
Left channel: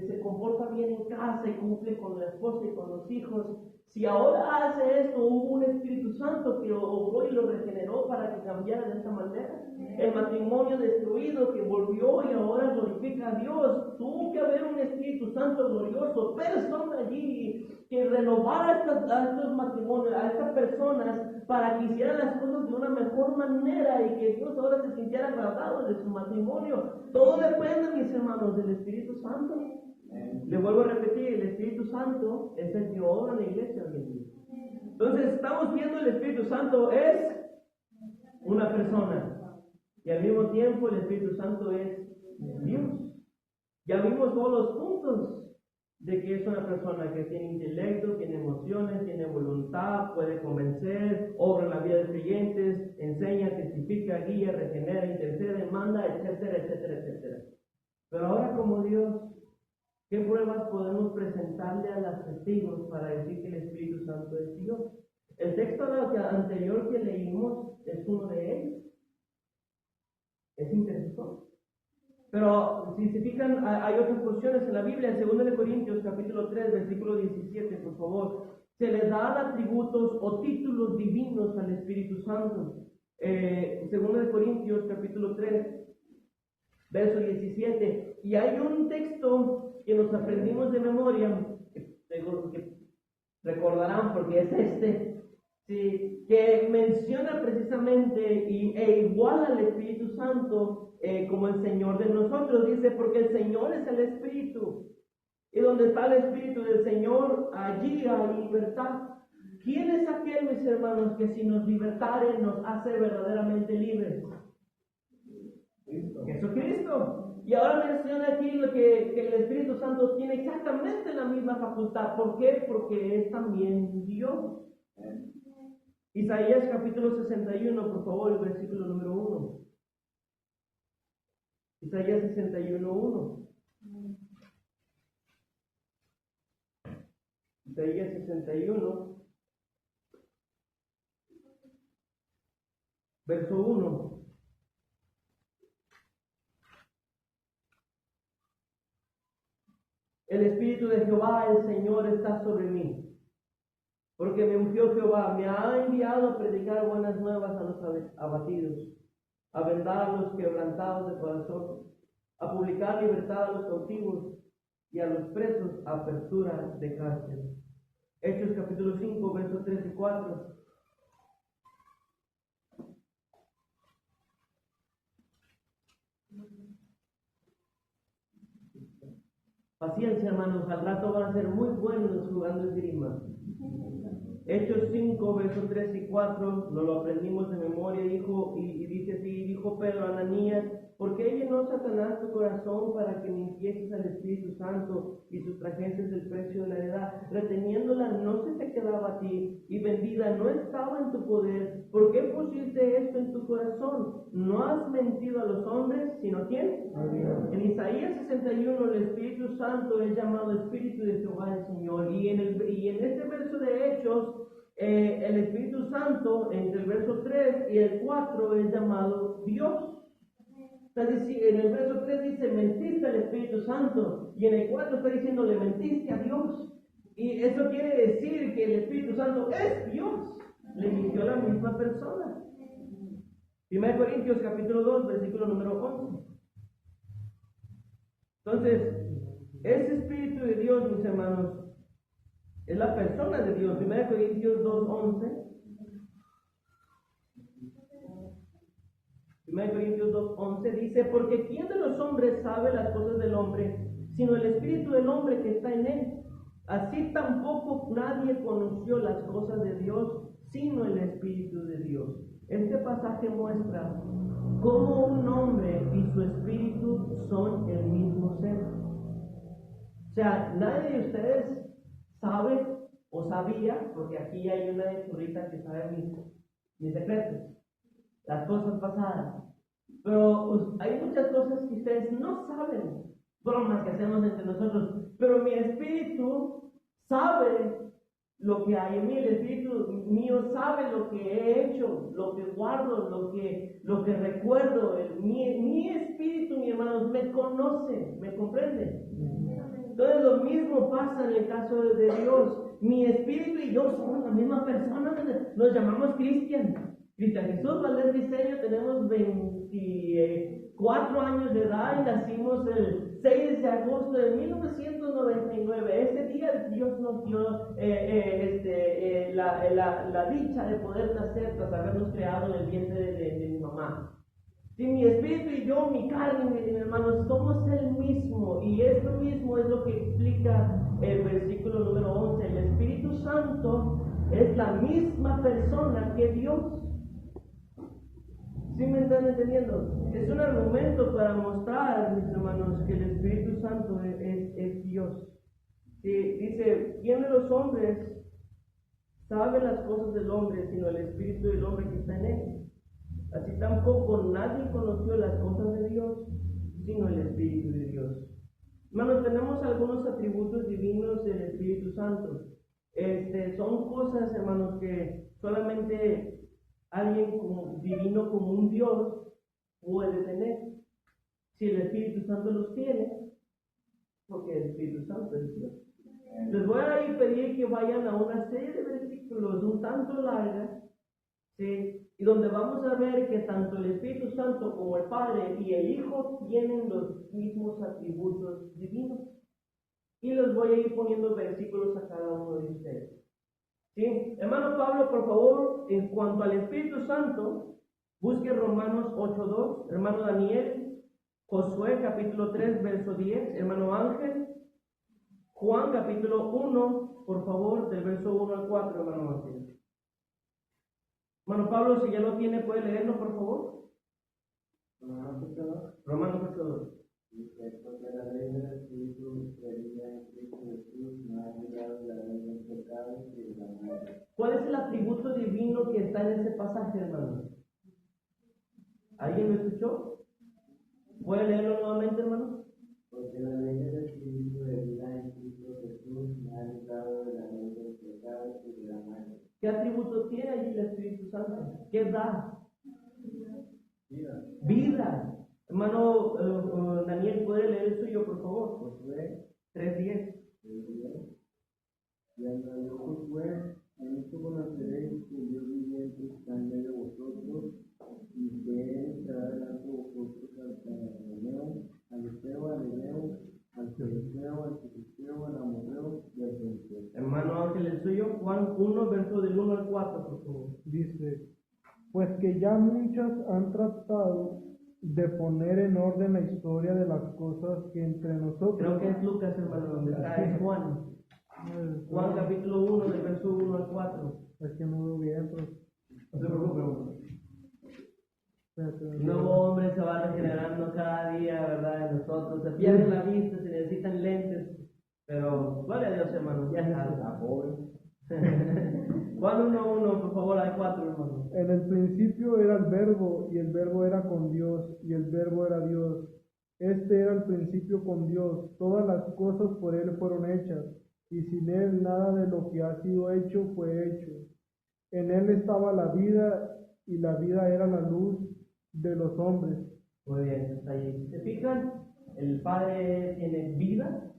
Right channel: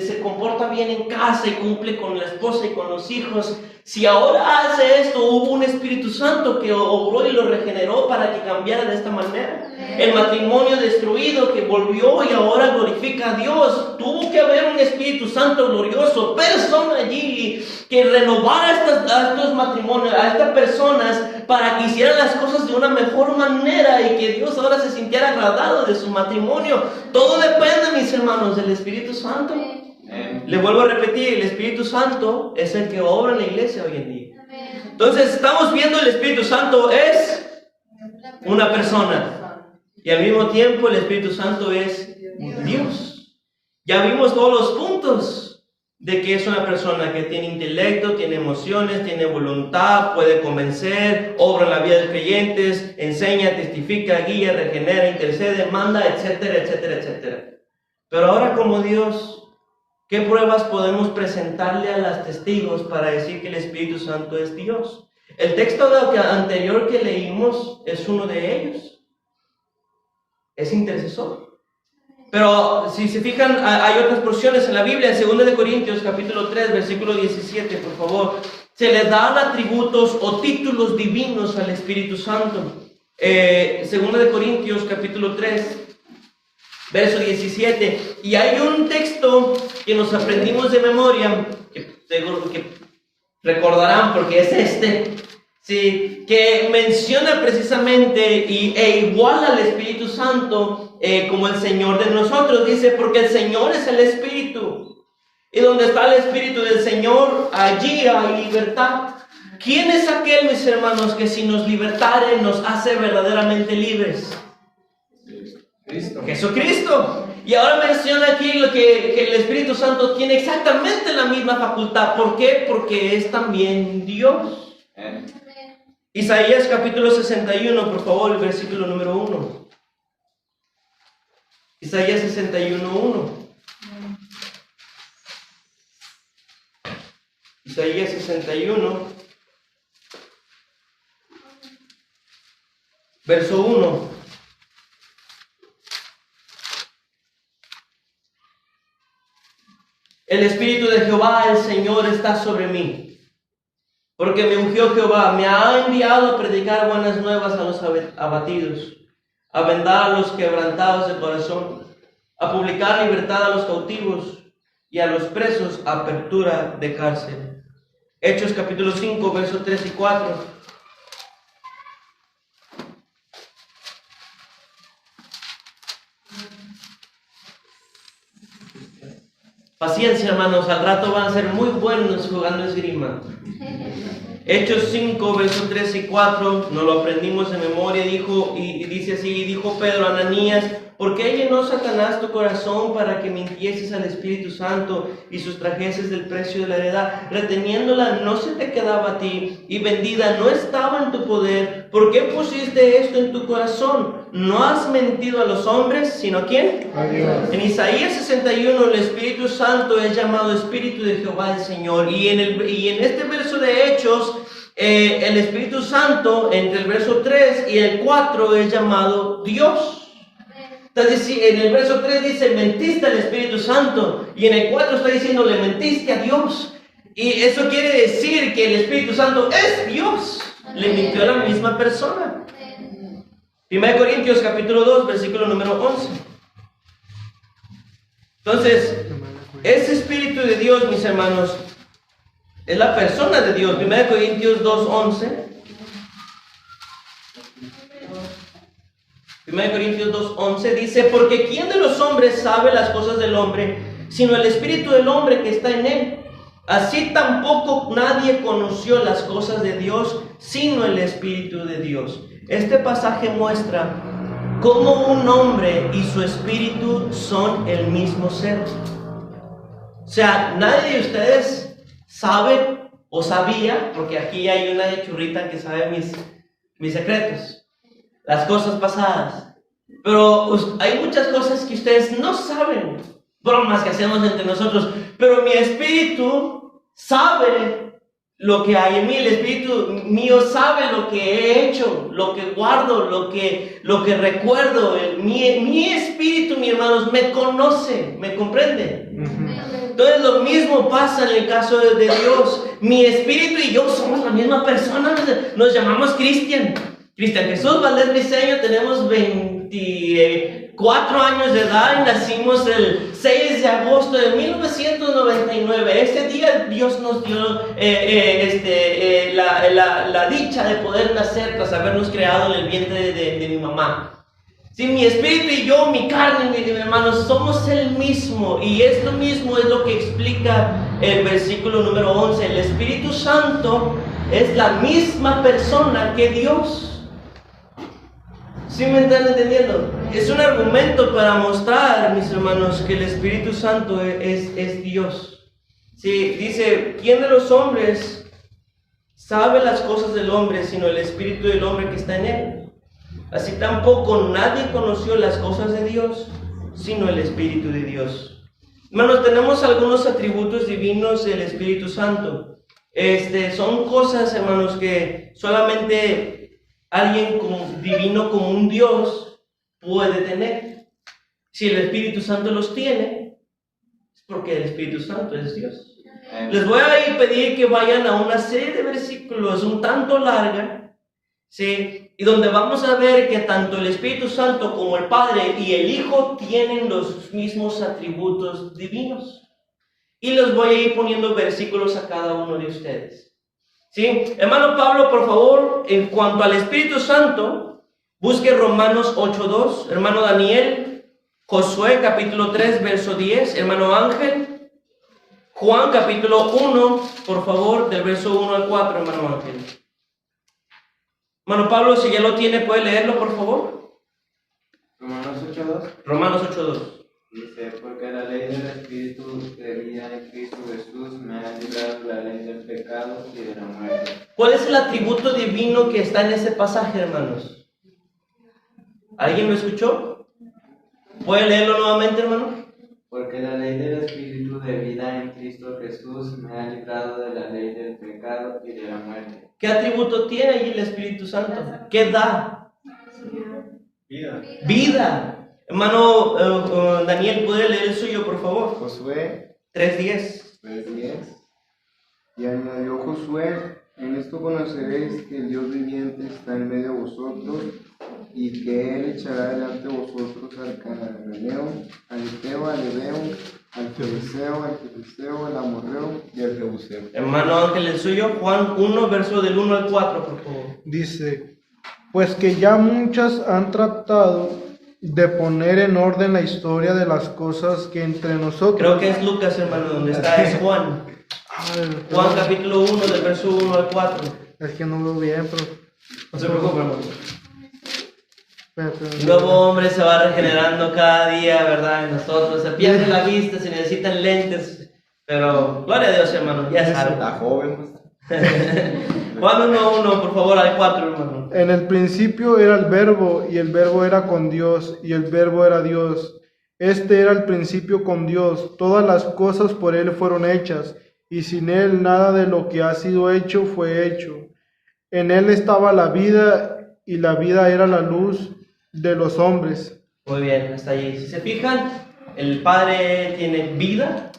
se comporta bien en casa y cumple con la esposa y con los hijos, si ahora hace esto, hubo un Espíritu Santo que obró y lo regeneró para que cambiara de esta manera. El matrimonio destruido que volvió y ahora glorifica a Dios. Tuvo que haber un Espíritu Santo glorioso, persona allí, que renovara a estos matrimonios, a estas personas, para que hicieran las cosas de una mejor manera y que Dios ahora se sintiera agradado de su matrimonio. Todo depende, mis hermanos, del Espíritu Santo. Le vuelvo a repetir, el Espíritu Santo es el que obra en la iglesia hoy en día. Entonces estamos viendo el Espíritu Santo es una persona. Y al mismo tiempo el Espíritu Santo es Dios. Ya vimos todos los puntos de que es una persona que tiene intelecto, tiene emociones, tiene voluntad, puede convencer, obra en la vida de los creyentes, enseña, testifica, guía, regenera, intercede, manda, etcétera, etcétera, etcétera. Pero ahora como Dios, ¿qué pruebas podemos presentarle a los testigos para decir que el Espíritu Santo es Dios? El texto anterior que leímos es uno de ellos. Es intercesor. Pero si se fijan, hay otras porciones en la Biblia. En 2 de Corintios capítulo 3 versículo 17, por favor, se le dan atributos o títulos divinos al Espíritu Santo. 2 de Corintios capítulo 3 verso 17. Y hay un texto que nos aprendimos de memoria, que seguro que recordarán porque es este. Sí, que menciona precisamente e iguala al Espíritu Santo como el Señor de nosotros. Dice, porque el Señor es el Espíritu. Y donde está el Espíritu del Señor, allí hay libertad. ¿Quién es aquel, mis hermanos, que si nos libertare nos hace verdaderamente libres? Cristo. Jesucristo. Y ahora menciona aquí que el Espíritu Santo tiene exactamente la misma facultad. ¿Por qué? Porque es también Dios. Isaías capítulo 61, por favor, el versículo número 1. Isaías 61:1. Isaías 61, verso 1. El Espíritu de Jehová, el Señor, está sobre mí. Porque me ungió Jehová, me ha enviado a predicar buenas nuevas a los abatidos, a vendar a los quebrantados de corazón, a publicar libertad a los cautivos y a los presos apertura de cárcel. Hechos capítulo 5, versos 3 y 4. Paciencia, hermanos, al rato van a ser muy buenos jugando esgrima. Hechos 5, versos 3 y 4, nos lo aprendimos en memoria, dijo, y dice así, y dijo Pedro a Ananías, ¿por qué llenó Satanás tu corazón para que mintieses al Espíritu Santo y sustrajeses del precio de la heredad? Reteniéndola no se te quedaba a ti, y vendida no estaba en tu poder. ¿Por qué pusiste esto en tu corazón? No has mentido a los hombres, sino ¿a quién? A Dios. En Isaías 61, el Espíritu Santo es llamado Espíritu de Jehová el Señor. Y en este verso de Hechos, el Espíritu Santo, entre el verso 3 y el 4, es llamado Dios. Entonces, en el verso 3 dice, mentiste al Espíritu Santo. Y en el 4 está diciendo, le mentiste a Dios. Y eso quiere decir que el Espíritu Santo es Dios. Le mintió a la misma persona. 1 Corintios capítulo 2, versículo número 11. Entonces, ese Espíritu de Dios, mis hermanos, es la persona de Dios. 1 Corintios 2, 11. 1 Corintios 2, 11 dice, porque ¿quién de los hombres sabe las cosas del hombre, sino el espíritu del hombre que está en él? Así tampoco nadie conoció las cosas de Dios, sino el Espíritu de Dios. Este pasaje muestra cómo un hombre y su espíritu son el mismo ser. O sea, nadie de ustedes sabe o sabía, porque aquí hay una churrita que sabe mis secretos, las cosas pasadas. Pero hay muchas cosas que ustedes no saben, bromas que hacemos entre nosotros, pero mi espíritu sabe lo que hay en mí, el espíritu mío sabe lo que he hecho, lo que guardo, lo que recuerdo. Mi espíritu, mis hermanos, me conoce, me comprende. Entonces lo mismo pasa en el caso de Dios. Mi espíritu y yo somos la misma persona, nos llamamos Cristian Jesús Valdés Briseño, tenemos 24 años de edad y nacimos el 6 de agosto de 1999. Ese día Dios nos dio la dicha de poder nacer tras habernos creado en el vientre de mi mamá. Sí, mi espíritu y yo, mi carne, mis hermanos, somos el mismo. Y esto mismo es lo que explica el versículo número 11. El Espíritu Santo es la misma persona que Dios. ¿Sí me están entendiendo? Es un argumento para mostrar, mis hermanos, que el Espíritu Santo es Dios. Sí, dice, ¿quién de los hombres sabe las cosas del hombre sino el Espíritu del hombre que está en él? Así tampoco nadie conoció las cosas de Dios, sino el Espíritu de Dios. Hermanos, tenemos algunos atributos divinos del Espíritu Santo. Son cosas, hermanos, que solamente alguien divino como un Dios puede tener. Si el Espíritu Santo los tiene, es porque el Espíritu Santo es Dios. Les voy a pedir que vayan a una serie de versículos un tanto larga, ¿sí? Y donde vamos a ver que tanto el Espíritu Santo como el Padre y el Hijo tienen los mismos atributos divinos. Y les voy a ir poniendo versículos a cada uno de ustedes. ¿Sí? Hermano Pablo, por favor, en cuanto al Espíritu Santo, busque Romanos 8:2. Hermano Daniel, Josué capítulo 3, verso 10. Hermano Ángel, Juan capítulo 1, por favor, del verso 1 al 4, hermano Ángel. Hermano Pablo, si ya lo tiene, ¿puede leerlo, por favor? Romanos 8:2. Romanos 8:2. Dice, porque la ley del Espíritu de vida en Cristo Jesús me ha librado la ley del pecado y de la muerte. ¿Cuál es el atributo divino que está en ese pasaje, hermanos? ¿Alguien lo escuchó? ¿Puede leerlo nuevamente, hermano? Porque la ley del Espíritu de vida en Cristo Jesús me ha librado de la ley del pecado y de la muerte. ¿Qué atributo tiene allí el Espíritu Santo? ¿Qué da? Vida. Vida. Hermano Daniel, ¿puede leer el suyo, por favor? Josué 3:10. 3:10. Y añadió Josué, en esto conoceréis que el Dios viviente está en medio de vosotros, y que Él echará delante de vosotros al cananeo, al eteo, al hebeo, al fereceo, al amorreo y al jebuseo. Hermano Ángel, el suyo, Juan 1, verso del 1 al 4, por favor. Dice, pues que ya muchas han tratado de poner en orden la historia de las cosas que entre nosotros... Creo que es Lucas, hermano, donde está es Juan. Juan capítulo 1, del verso 1 al 4. Es que no veo bien, pero... No se preocupe, hermano. Espérate, El nuevo hombre se va regenerando cada día, ¿verdad? En nosotros se pierde la vista, se necesitan lentes, pero gloria a Dios, hermano, ya sabe. La joven, Juan 1:1, por favor, al 4, hermano. En el principio era el Verbo, y el Verbo era con Dios, y el Verbo era Dios. Este era el principio con Dios. Todas las cosas por Él fueron hechas, y sin Él nada de lo que ha sido hecho fue hecho. En Él estaba la vida, y la vida era la luz de los hombres. Muy bien, hasta allí. Si se fijan, el Padre tiene vida,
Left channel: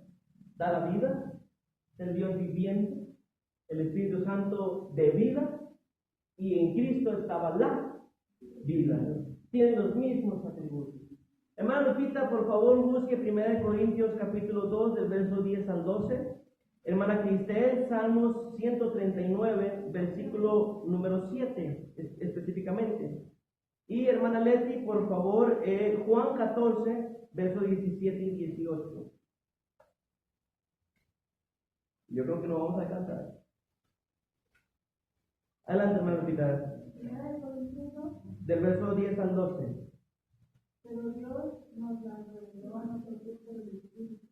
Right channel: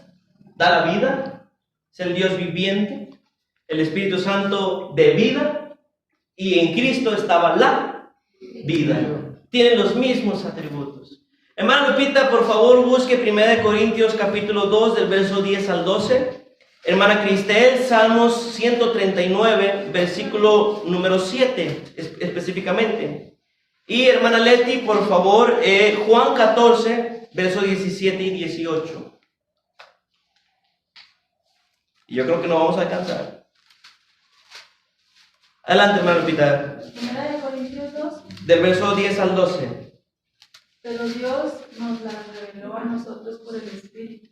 da la vida, es el Dios viviente, el Espíritu Santo de vida, y en Cristo estaba la vida. Tienen los mismos atributos. Hermano Lupita, por favor, busque 1 Corintios capítulo 2, del verso 10 al 12. Hermana Cristel, Salmos 139, versículo número 7, específicamente. Y hermana Leti, por favor, Juan 14, versos 17 y 18. Y yo creo que no vamos a alcanzar. Adelante, hermano Lupita. 1 Corintios 2. Del verso 10 al 12. Pero Dios nos la reveló a nosotros por el Espíritu,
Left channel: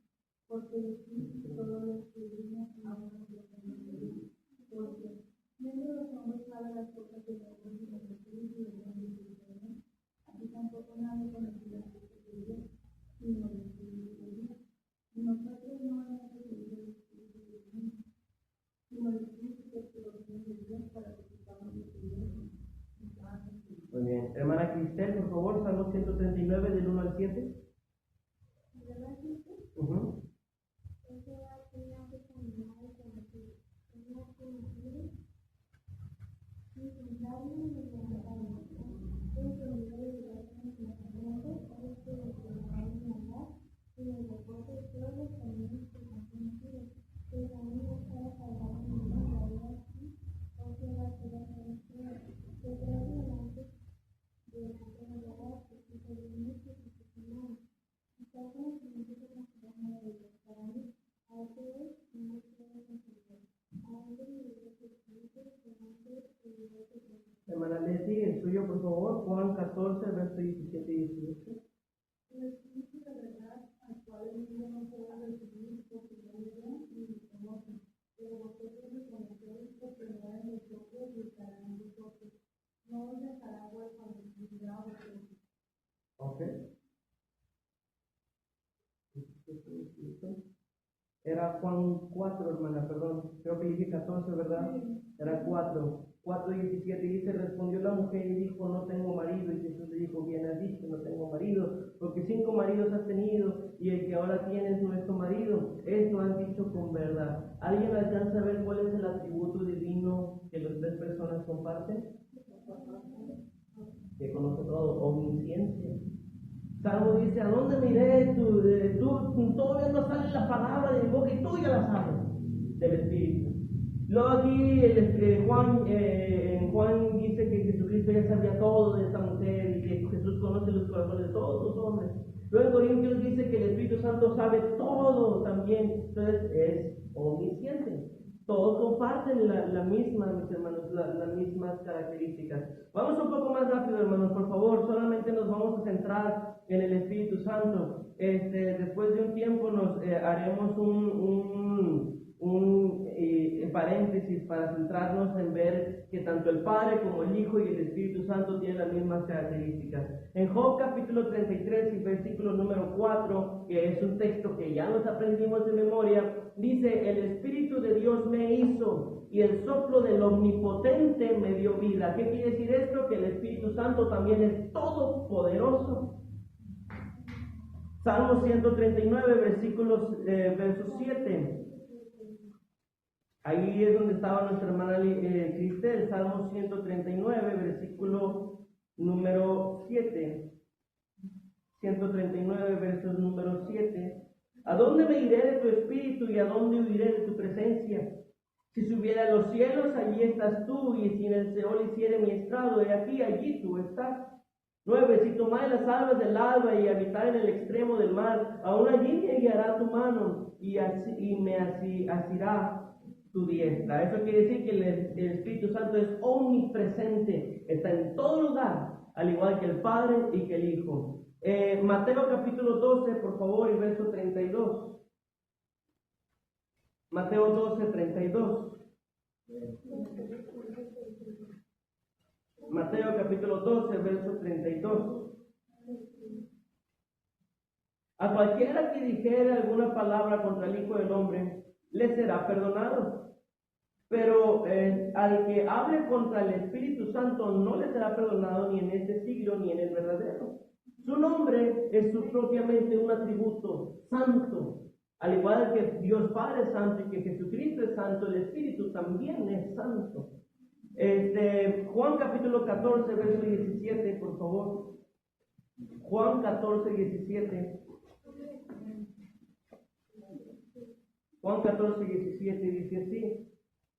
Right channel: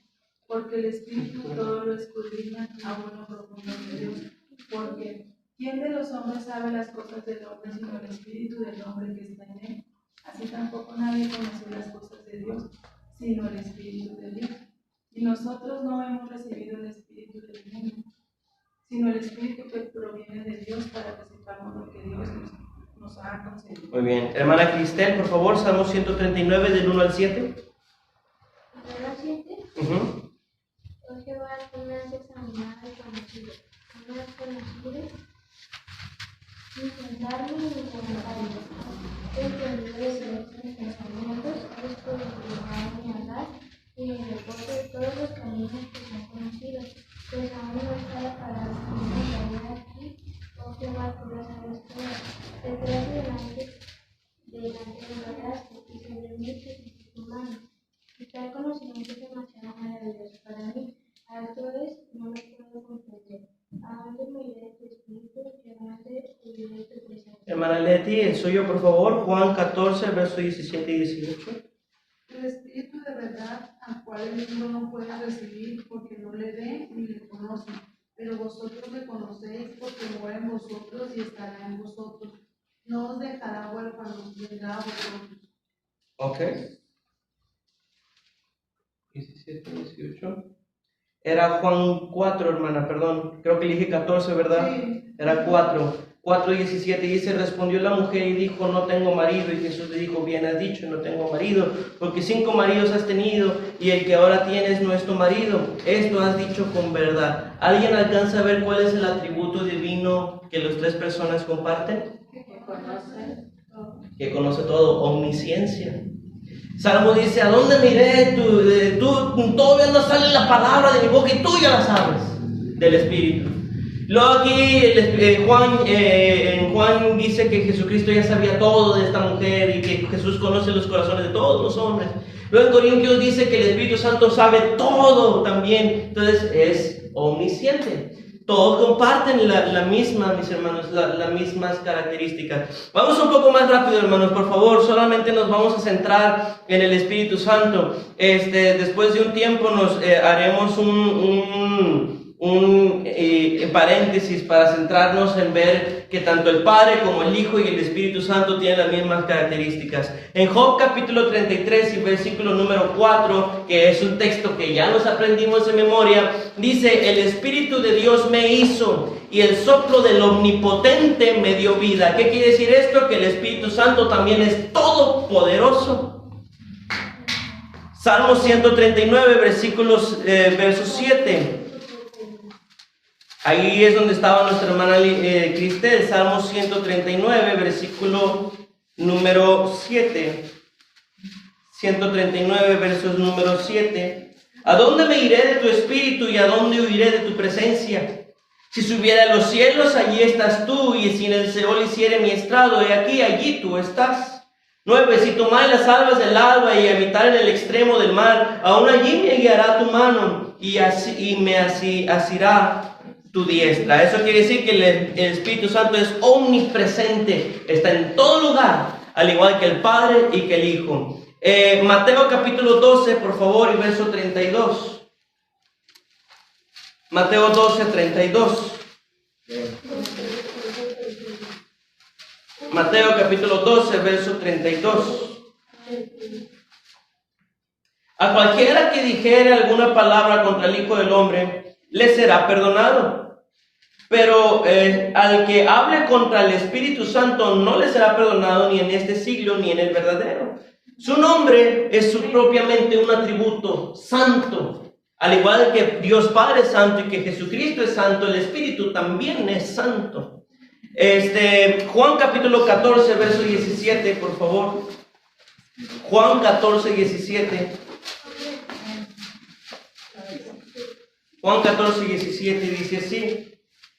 porque el Espíritu todo lo escudriña a lo profundo de Dios. Porque ¿quién de los hombres sabe las cosas del hombre sino el Espíritu del hombre que está en él? Así tampoco nadie conoció las cosas de Dios sino el Espíritu de Dios. Y nosotros no hemos recibido el Espíritu del mundo, sino el Espíritu que proviene de Dios, para que sepamos lo que Dios nos ha concedido. Muy bien. Hermana Cristel, por favor, Salmo 139, del 1 al 7. ¿Verdad, 7? Oh Jehová, tú me has examinado y conocido. Tú me has conocido sin sentarme ni levantarme. Tú entendido de silencio en mis vida para venir aquí, o Jehová, tú lo sabes todo. Detrás delante me hablaste y sobre mí pusiste tu mano. Y tal conocimiento es demasiado maravilloso para mí. Alto es, no lo puedo comprender. ¿A dónde me iré de tu espíritu? ¿Y a dónde huiré de tu presencia? Hermana Leti, el suyo, por favor, Juan 14, versos 17 y 18. El Espíritu de verdad, al cual el mundo no puede recibir porque no le ve ni le conoce, pero vosotros le conocéis porque mora en vosotros y estará en vosotros. No os dejará huérfanos, vendrá a vosotros. Ok. 17, 18. Era Juan 4, hermana, perdón. Creo que le dije 14, ¿verdad? Sí. Era 4. 4:17 dice, respondió la mujer y dijo, no tengo marido. Y Jesús le dijo, bien has dicho, no tengo marido, porque 5 maridos has tenido y el que ahora tienes no es tu marido. Esto has dicho con verdad. ¿Alguien alcanza a ver cuál es el atributo divino que las 3 personas comparten? Que conoce todo, omnisciencia. Salmo dice, ¿a dónde me iré? Tú todavía no sale la palabra de mi boca y tú ya la sabes, del Espíritu. Luego aquí Juan dice que Jesucristo ya sabía todo de esta mujer y que Jesús conoce los corazones de todos los hombres. Luego en Corintios dice que el Espíritu Santo sabe todo también. Entonces es omnisciente. Todos comparten la misma, mis hermanos, las mismas características. Vamos un poco más rápido, hermanos, por favor. Solamente nos vamos a centrar en el Espíritu Santo. Después de un tiempo nos haremos un paréntesis para centrarnos en ver que tanto el Padre como el Hijo y el Espíritu Santo tienen las mismas características. En Job capítulo 33 y versículo número 4, que es un texto que ya nos aprendimos de memoria, dice, el Espíritu de Dios me hizo y el soplo del Omnipotente me dio vida. ¿Qué quiere decir esto? Que el Espíritu Santo también es todopoderoso. Salmo 139, verso 7. Ahí es donde estaba nuestra hermana Cristel, Salmo 139, versículo número 7. 139, versos número 7. ¿A dónde me iré de tu espíritu y a dónde huiré de tu presencia? Si subiera a los cielos, allí estás tú, y si en el Seol hiciere mi estrado, he aquí, allí tú estás. 9. Si tomare las alas del alba y habitar en el extremo del mar, aún allí me guiará tu mano y me asirá tu diestra. Eso quiere decir que el Espíritu Santo es omnipresente, está en todo lugar, al igual que el Padre y que el Hijo. Mateo capítulo 12, por favor, y verso 32. Mateo 12, 32. Mateo capítulo 12, verso 32. A cualquiera que dijere alguna palabra contra el Hijo del Hombre, le será perdonado. Pero al que hable contra el Espíritu Santo no le será perdonado ni en este siglo ni en el verdadero. Su nombre es propiamente un atributo santo. Al igual que Dios Padre es santo y que Jesucristo es santo, el Espíritu también es santo. Juan capítulo 14, verso 17, por favor. Juan 14, 17. Juan 14, 17 dice así:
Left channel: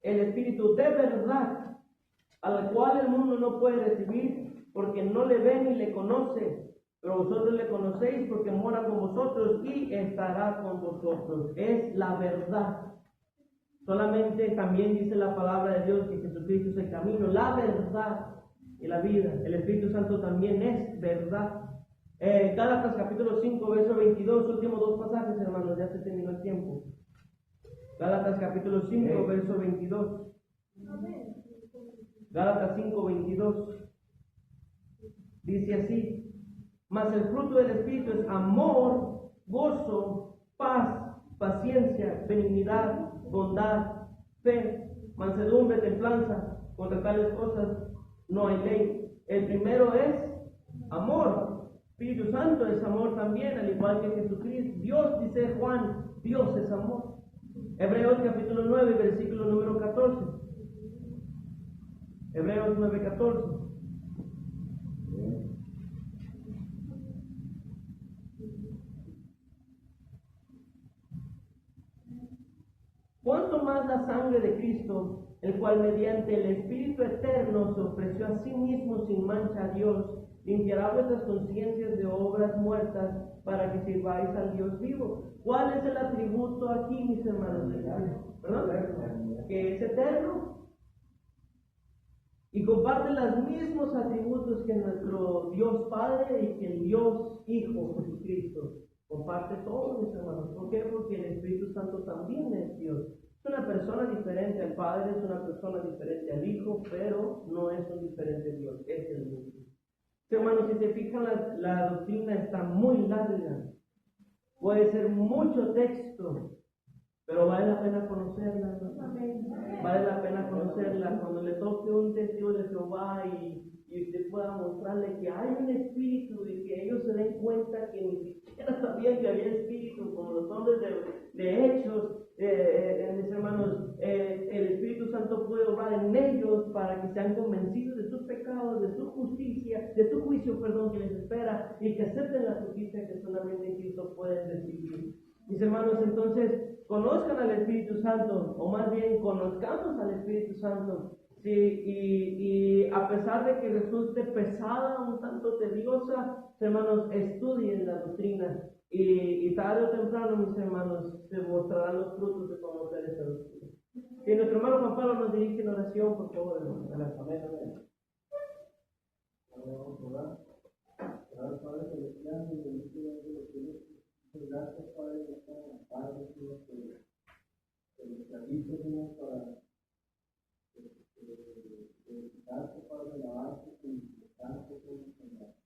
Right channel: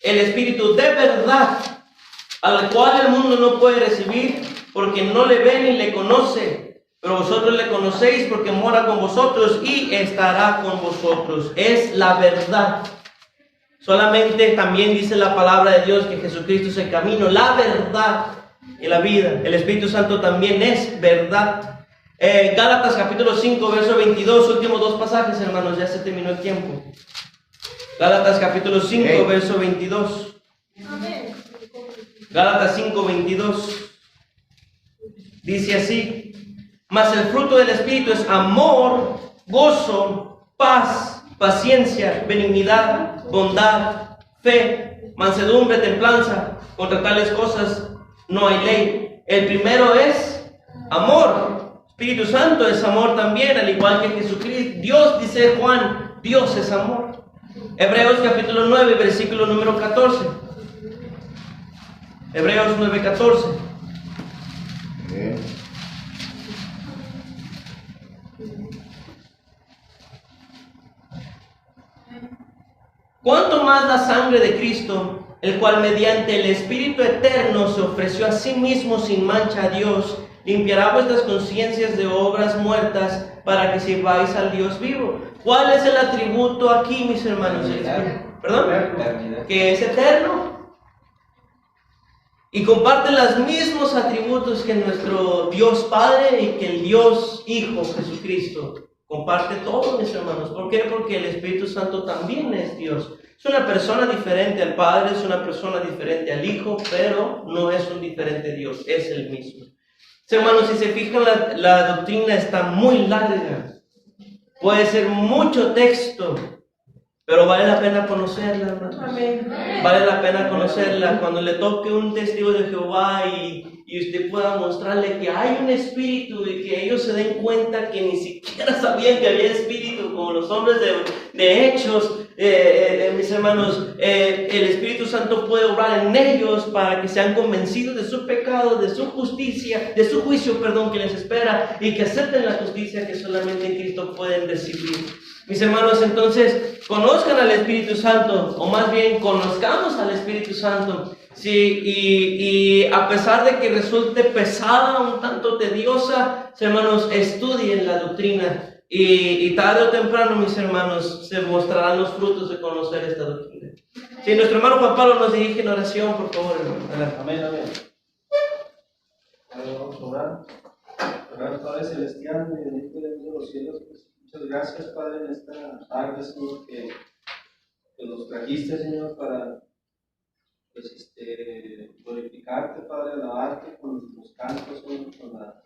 el Espíritu de verdad, al cual el mundo no puede recibir, porque no le ve ni le conoce, pero vosotros le conocéis porque mora con vosotros y estará con vosotros. Es la verdad. Solamente también dice la palabra de Dios que Jesucristo es el camino, la verdad y la vida. El Espíritu Santo también es verdad. Gálatas capítulo 5, verso 22, últimos 2 pasajes, hermanos, ya se terminó el tiempo. Gálatas capítulo 5, verso 22. Gálatas 5, 22. Dice así: mas el fruto del Espíritu es amor, gozo, paz, paciencia, benignidad, bondad, fe, mansedumbre, templanza. Contra tales cosas no hay ley. El primero es amor. Espíritu Santo es amor también, al igual que Jesucristo. Dios, dice Juan, Dios es amor. Hebreos capítulo 9, versículo número 14. Hebreos 9, 14. ¿Cuánto más la sangre de Cristo, el cual mediante el Espíritu eterno se ofreció a sí mismo sin mancha a Dios, limpiará vuestras conciencias de obras muertas para que sirváis al Dios vivo? ¿Cuál es el atributo aquí, mis hermanos? ¿Perdón? Eternidad. Que es eterno. Y comparte los mismos atributos que nuestro Dios Padre y que el Dios Hijo Jesucristo. Comparte todo, mis hermanos. ¿Por qué? Porque el Espíritu Santo también es Dios. Es una persona diferente al Padre, es una persona diferente al Hijo, pero no es un diferente Dios, es el mismo. Hermanos, si se fijan, la doctrina está muy larga. Puede ser mucho texto, pero vale la pena conocerla, hermanos. Vale la pena conocerla. Cuando le toque un testigo de Jehová y usted pueda mostrarle que hay un espíritu y que ellos se den cuenta que ni siquiera sabían que había espíritu, como los hombres de Hechos, mis hermanos, el Espíritu Santo puede obrar en ellos para que sean convencidos de su pecado, de su justicia, de su juicio, perdón, que les espera, y que acepten la justicia que solamente en Cristo pueden recibir. Mis hermanos, entonces, conozcan al Espíritu Santo, o más bien, conozcamos al Espíritu Santo. Sí, y a pesar de que resulte pesada, un tanto tediosa, hermanos, estudien la doctrina. Y tarde o temprano, mis hermanos, se mostrarán los frutos de conocer esta doctrina. Si nuestro hermano Juan Pablo nos dirige en oración, por favor, hermano. Amén, amén. Vamos a orar. Padre Celestial, bendito Dios de los cielos, pues, muchas gracias, Padre, en esta tarde, Señor, que nos trajiste, Señor, para pues, glorificarte, Padre, alabarte con los cantos, Señor, con la